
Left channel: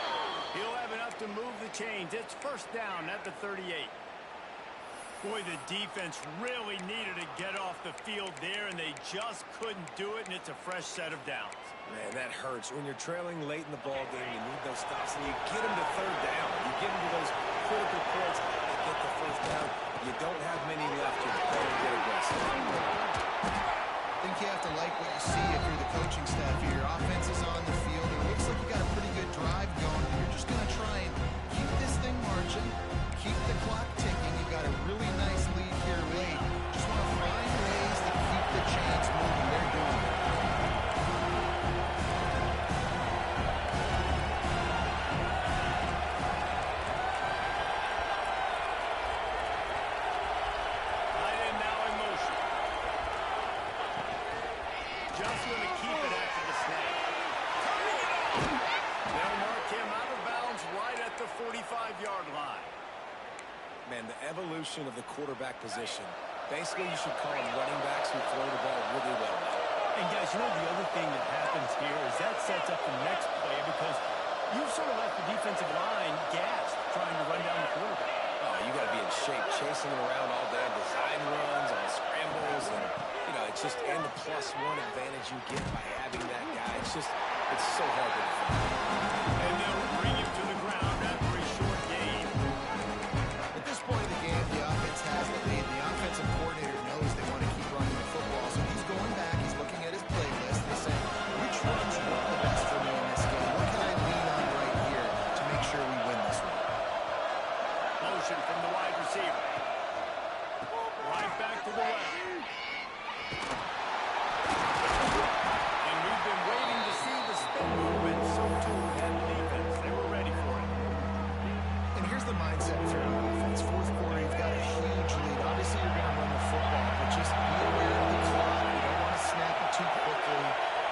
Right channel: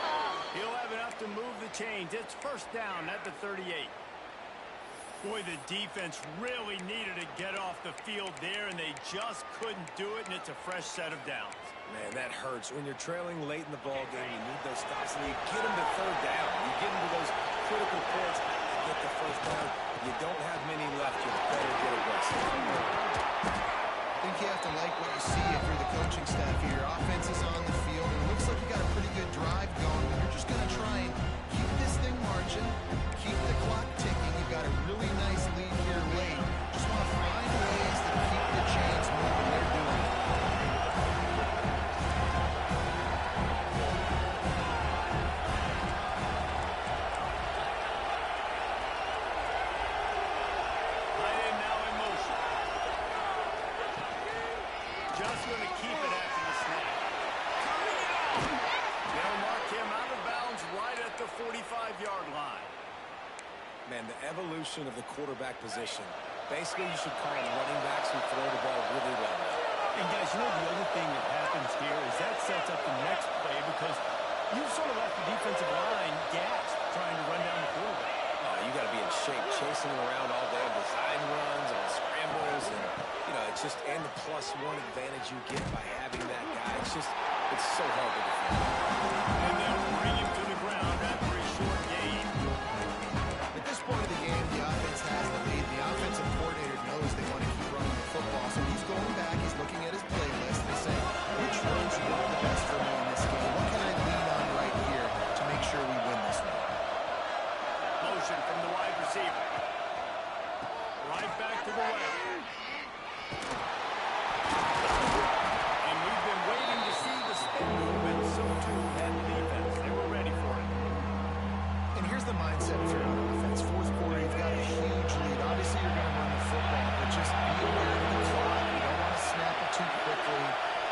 He'll have enough to move the chains. It's first down at the 38. Boy, the defense really needed to get off the field there, and they just couldn't do it, and it's a fresh set of downs. Man, that hurts. When you're trailing late in the ball game, you need those stops, and you get them to third down. You get them to those critical points to get the first down. You don't have many left. You better get aggressive. I think you have to like what you see if you're the coaching staff here. Your offense is on the field, and it looks like you got a pretty good drive going, but you're just going to try and keep this thing marching, keep the clock ticking. You've got a really nice lead here late. Just want to find ways to keep the chains moving. They're doing it. Tight end now in motion. Just going to keep it after the snap. Turning it off. They'll mark him out of bounds right at the 45-yard line. Man, the evolution of the quarterback position. Basically, you should call them running backs who throw the ball really well. And guys, you know the other thing that happens here is that sets up the next play because you've sort of left the defensive line gassed trying to run down the quarterback. Oh, you got to be in shape, chasing him around all day on design runs, on scrambles, and, you know, it's just, and the +1 advantage you get by having that guy. It's just, it's so hard to defend. And they'll bring him to the ground after a short gain. At this point of the game, the offense has the lead. The offensive coordinator knows they want to keep running the football, so he's going back, he's looking at his playlist, and he's saying, which runs work the best for me in this game? What can I lean on right here to make sure we win this one? Motion from the wide receiver. Right back to the left. And we've been waiting to see the spin move, and so too had the defense. They were ready for it. And here's the mindset if you're on offense. Fourth quarter, you've got a huge lead. Obviously, you're going to run the football, but just be aware of the clock. You don't want to snap it too quickly.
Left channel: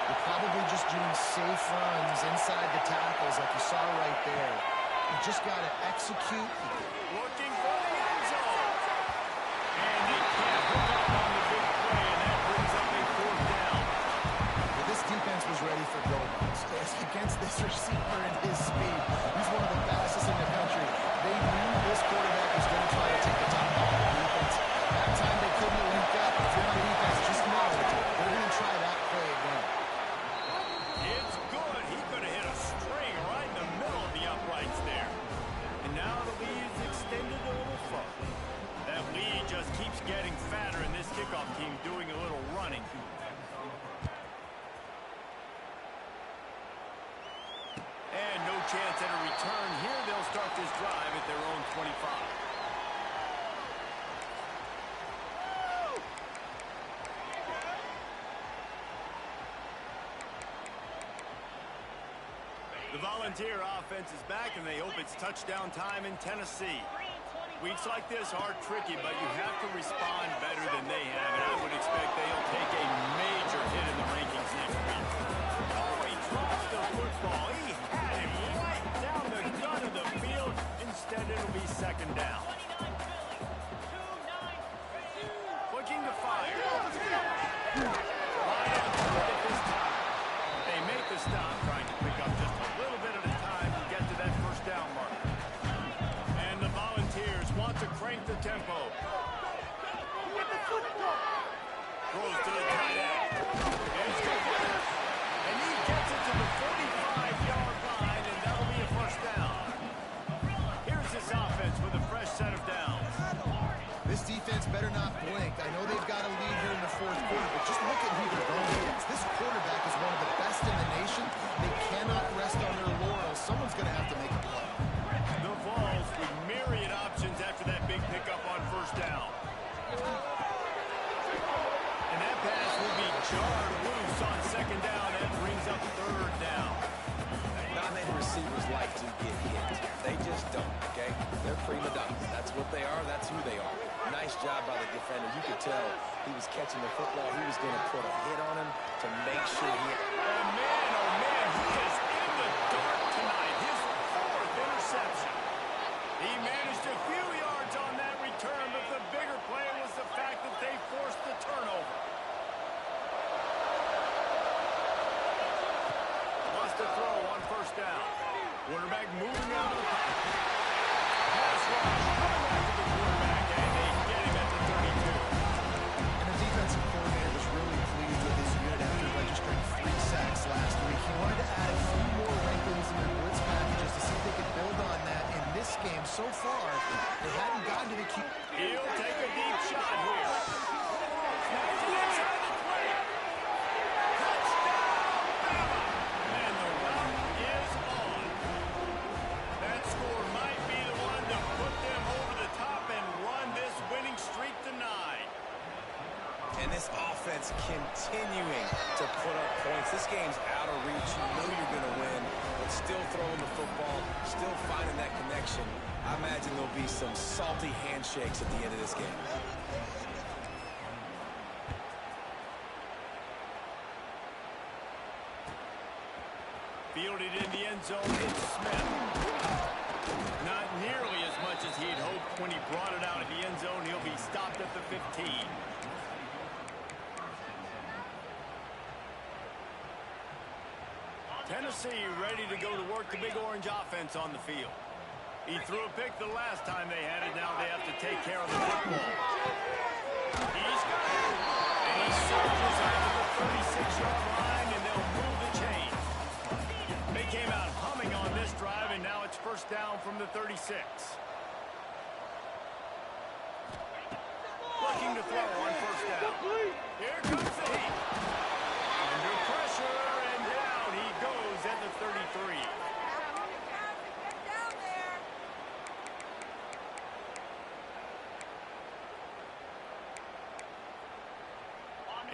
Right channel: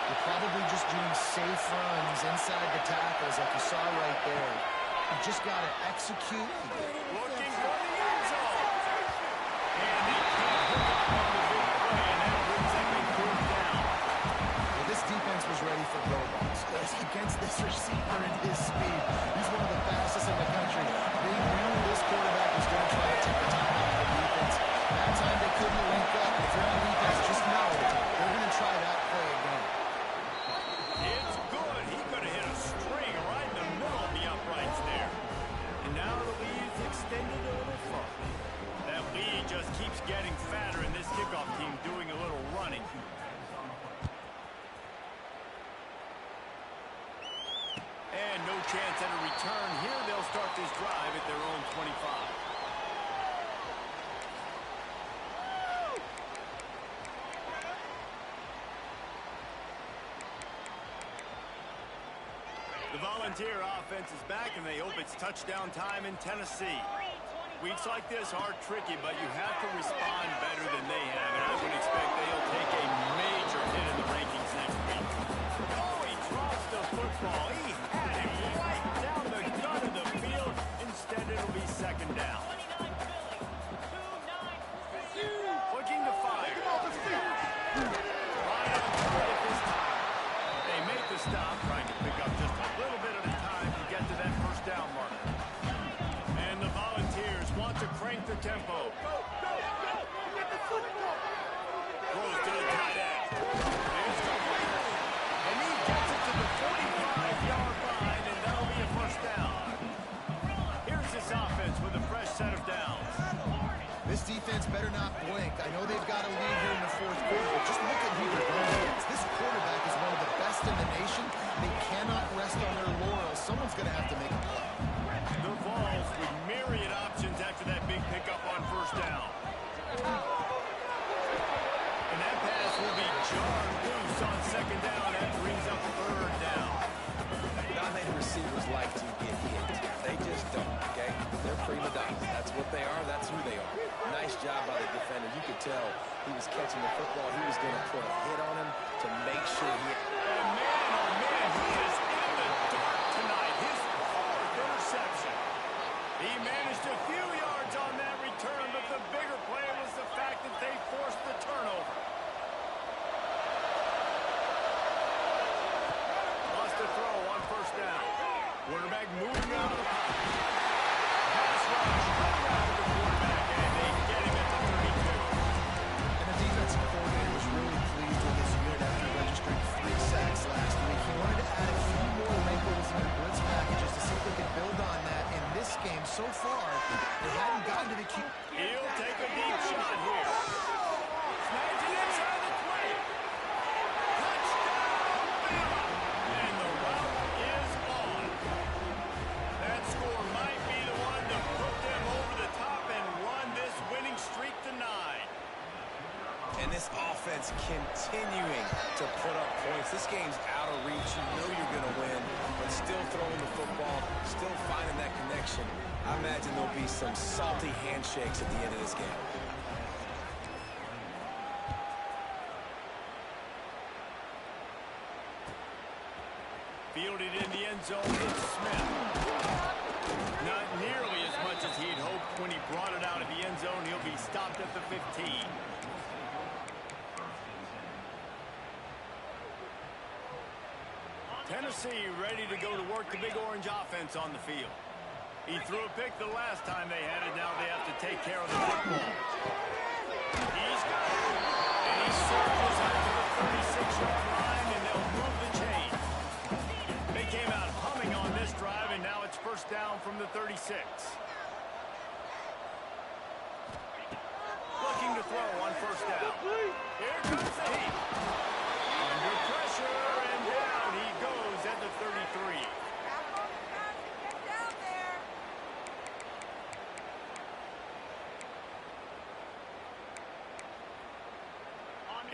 You're probably just doing safe runs inside the tackles like you saw right there. You just got to execute. Looking for the end zone. And he can't hook up on the big play, and that brings up a fourth down. Well, this defense was ready for go balls. Against this receiver and his speed, he's one of the fastest in the country. They knew this quarterback was going to try to take the top off the defense. That time they couldn't link up. If you're on defense, just know they're going to try that play again. It's good. He could have hit a string right in the middle of the uprights there. And now the lead's extended a little further. That lead just keeps getting fatter, and this kickoff team doing a little running. And no chance at a return here. They'll start this drive at their own 25. The Volunteer offense is back, and they hope it's touchdown time in Tennessee. Weeks like this are tricky, but you have to respond better than they have, and I would expect they'll take a major hit in the rankings next week. Oh, he drops the football. He had him right down the gut of the field. Instead, it'll be second down. Looking to fire. Right on target this time. They make the stop, trying to pick up just a little bit at a time to get to that first down marker. And the Volunteers want to crank the tempo. Throws to the tight end. Here's Cooper. And he gets it to the 45-yard line, and that'll be a first down. Here's this offense with a fresh set of downs. This defense better not blink. I know they've got a lead here in the fourth quarter, but just look at who they're going against. This quarterback is one of the best in the nation. They cannot jarred loose on second down. That brings up third down. Non-native receivers like to get hit. They just don't, okay? They're prima donnas. That's what they are. That's who they are. Nice job by the defender. You could tell he was catching the football. He was going to put a hit on him to make sure he... And man, oh man, he is in the dark tonight. His fourth interception. He managed a few yards on that return, but the bigger play was the fact that they forced the turnover. Lost a throw on first down. Quarterback moving out of the pocket. Pass rush coming after the quarterback, and they get him at the 32. And the defensive coordinator was really pleased with his unit after registering 3 sacks last week. He wanted to add a few more wrinkles in their blitz packages to see if they could build on that in this game. So far, they hadn't gotten to the key. He'll take a deep shot here. Snags it inside the 20. Touchdown, Bama! And the route is on. That score might be the one to put them over the top and run this winning streak to 9. And this offense continuing to put up points. This game's out of reach. You know you're going to win, but still throwing the football, still finding that connection. I imagine there'll be some salty handshakes at the end of this game. Fielded in the end zone, it's Smith. Not nearly as much as he'd hoped when he brought it out of the end zone. He'll be stopped at the 15. Tennessee ready to go to work the Big Orange offense on the field. He threw a pick the last time they had it. Now they have to take care of the football. He's got it. And he surges out to the 36-yard line, and they'll move the chain. They came out humming on this drive, and now it's first down from the 36. Looking to throw on first down. Here comes the heat. Under pressure, and down he goes at the 33.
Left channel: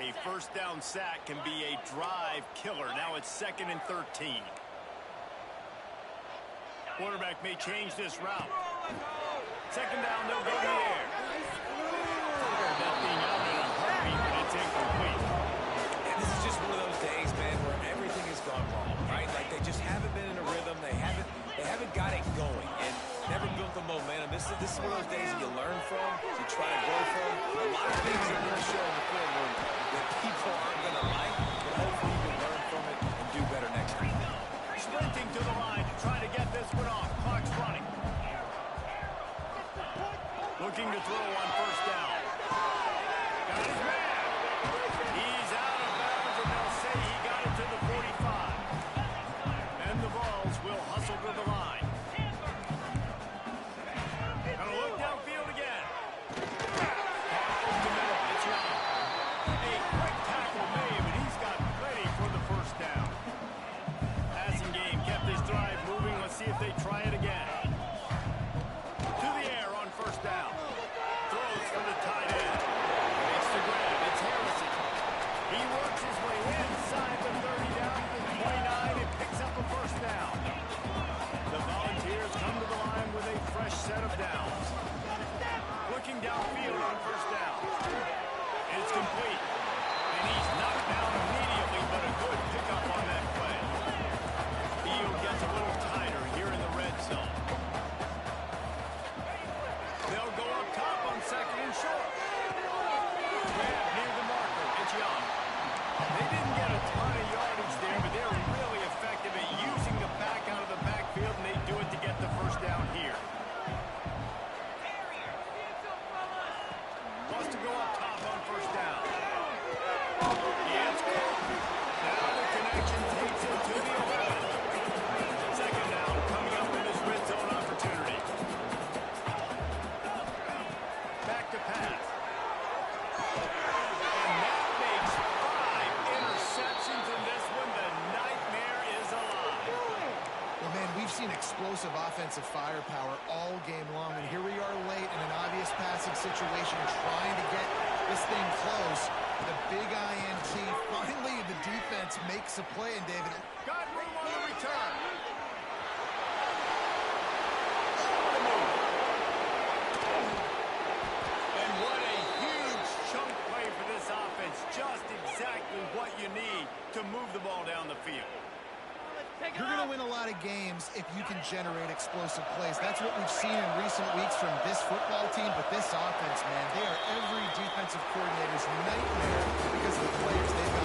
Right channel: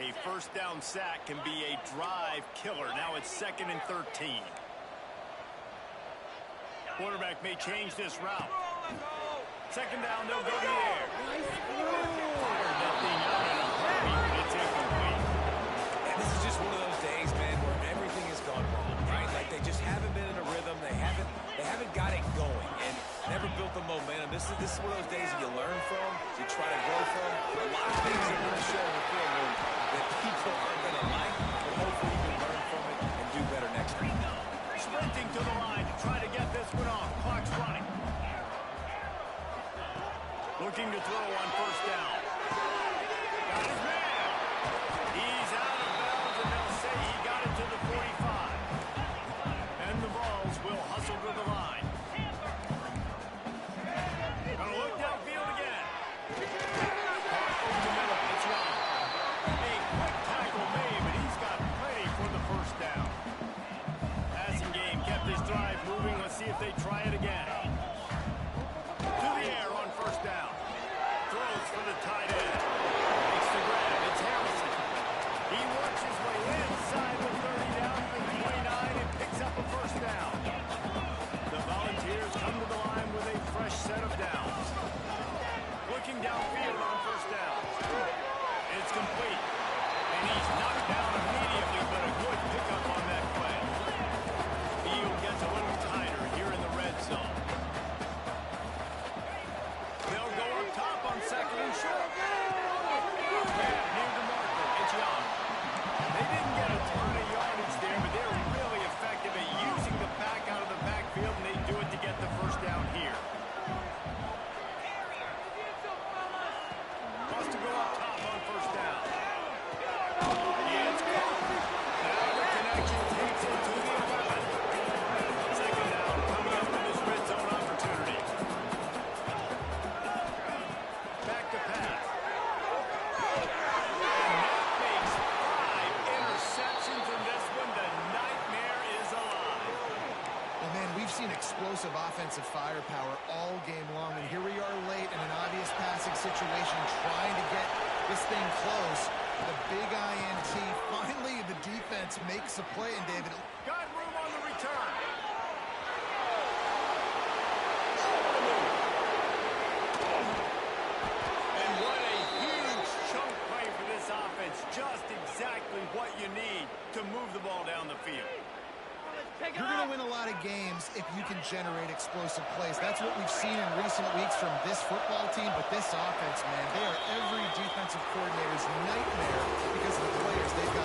A first down sack can be a drive killer. Now it's 2nd and 13. Quarterback may change this route. Second down, they'll go to the air. Fired that thing out in a heartbeat, but it's incomplete. And this is just one of those days, man, where everything has gone wrong, right? Like they just haven't been in a rhythm. They haven't got it going and never built the momentum. This is one of those days that you learn from, you try to grow from. A lot of things are going to show in the film that people aren't going to like, but hopefully you can learn from it and do better next time. Sprinting to the line to try to get this one off. Clock's running. Looking to throw on first down. Got his man. He's out of bounds, and they'll say he got it to the 45. And the Vols will hustle to the line. Gonna look downfield again. Caught over the middle. It's Young. A quick tackle made, but he's got plenty for the first down. Passing game kept his drive moving. Let's see if they try it again. To the air on first down. Throws for the tight end. Makes the grab. It's Harrison. He works his way inside the 30 down to the 29 and picks up a first down. The Volunteers come to the line with a fresh set of downs. Looking downfield on first down. It's complete. And he's knocked down immediately, but a good pickup on that play. Field gets a little tighter here in the red zone. They'll go up top on 2nd and short. Grab near the marker. It's Young. They didn't get a ton of yardage there, but they're really effective at using the back out of the backfield, and they do it to get the first down here. Wants to go up top on first down. It's caught. Now the connection takes it to the 11. Second down coming up in this red zone opportunity. Back to pass. And that makes 5 interceptions in this one. The nightmare is alive. Well, man, we've seen explosive offensive firepower all game long, and here we are late in an obvious passing situation trying to get this thing close. The big INT. Finally, the defense makes a play, and David. Got room on the return. Oh, the move. And what a huge chunk play for this offense. Just exactly what you need to move the ball down the field. You're going to win a lot of games if you can generate explosive plays. That's what we've seen in recent weeks from this football team, but this offense, man, they are every defensive coordinator's nightmare because of the players they've got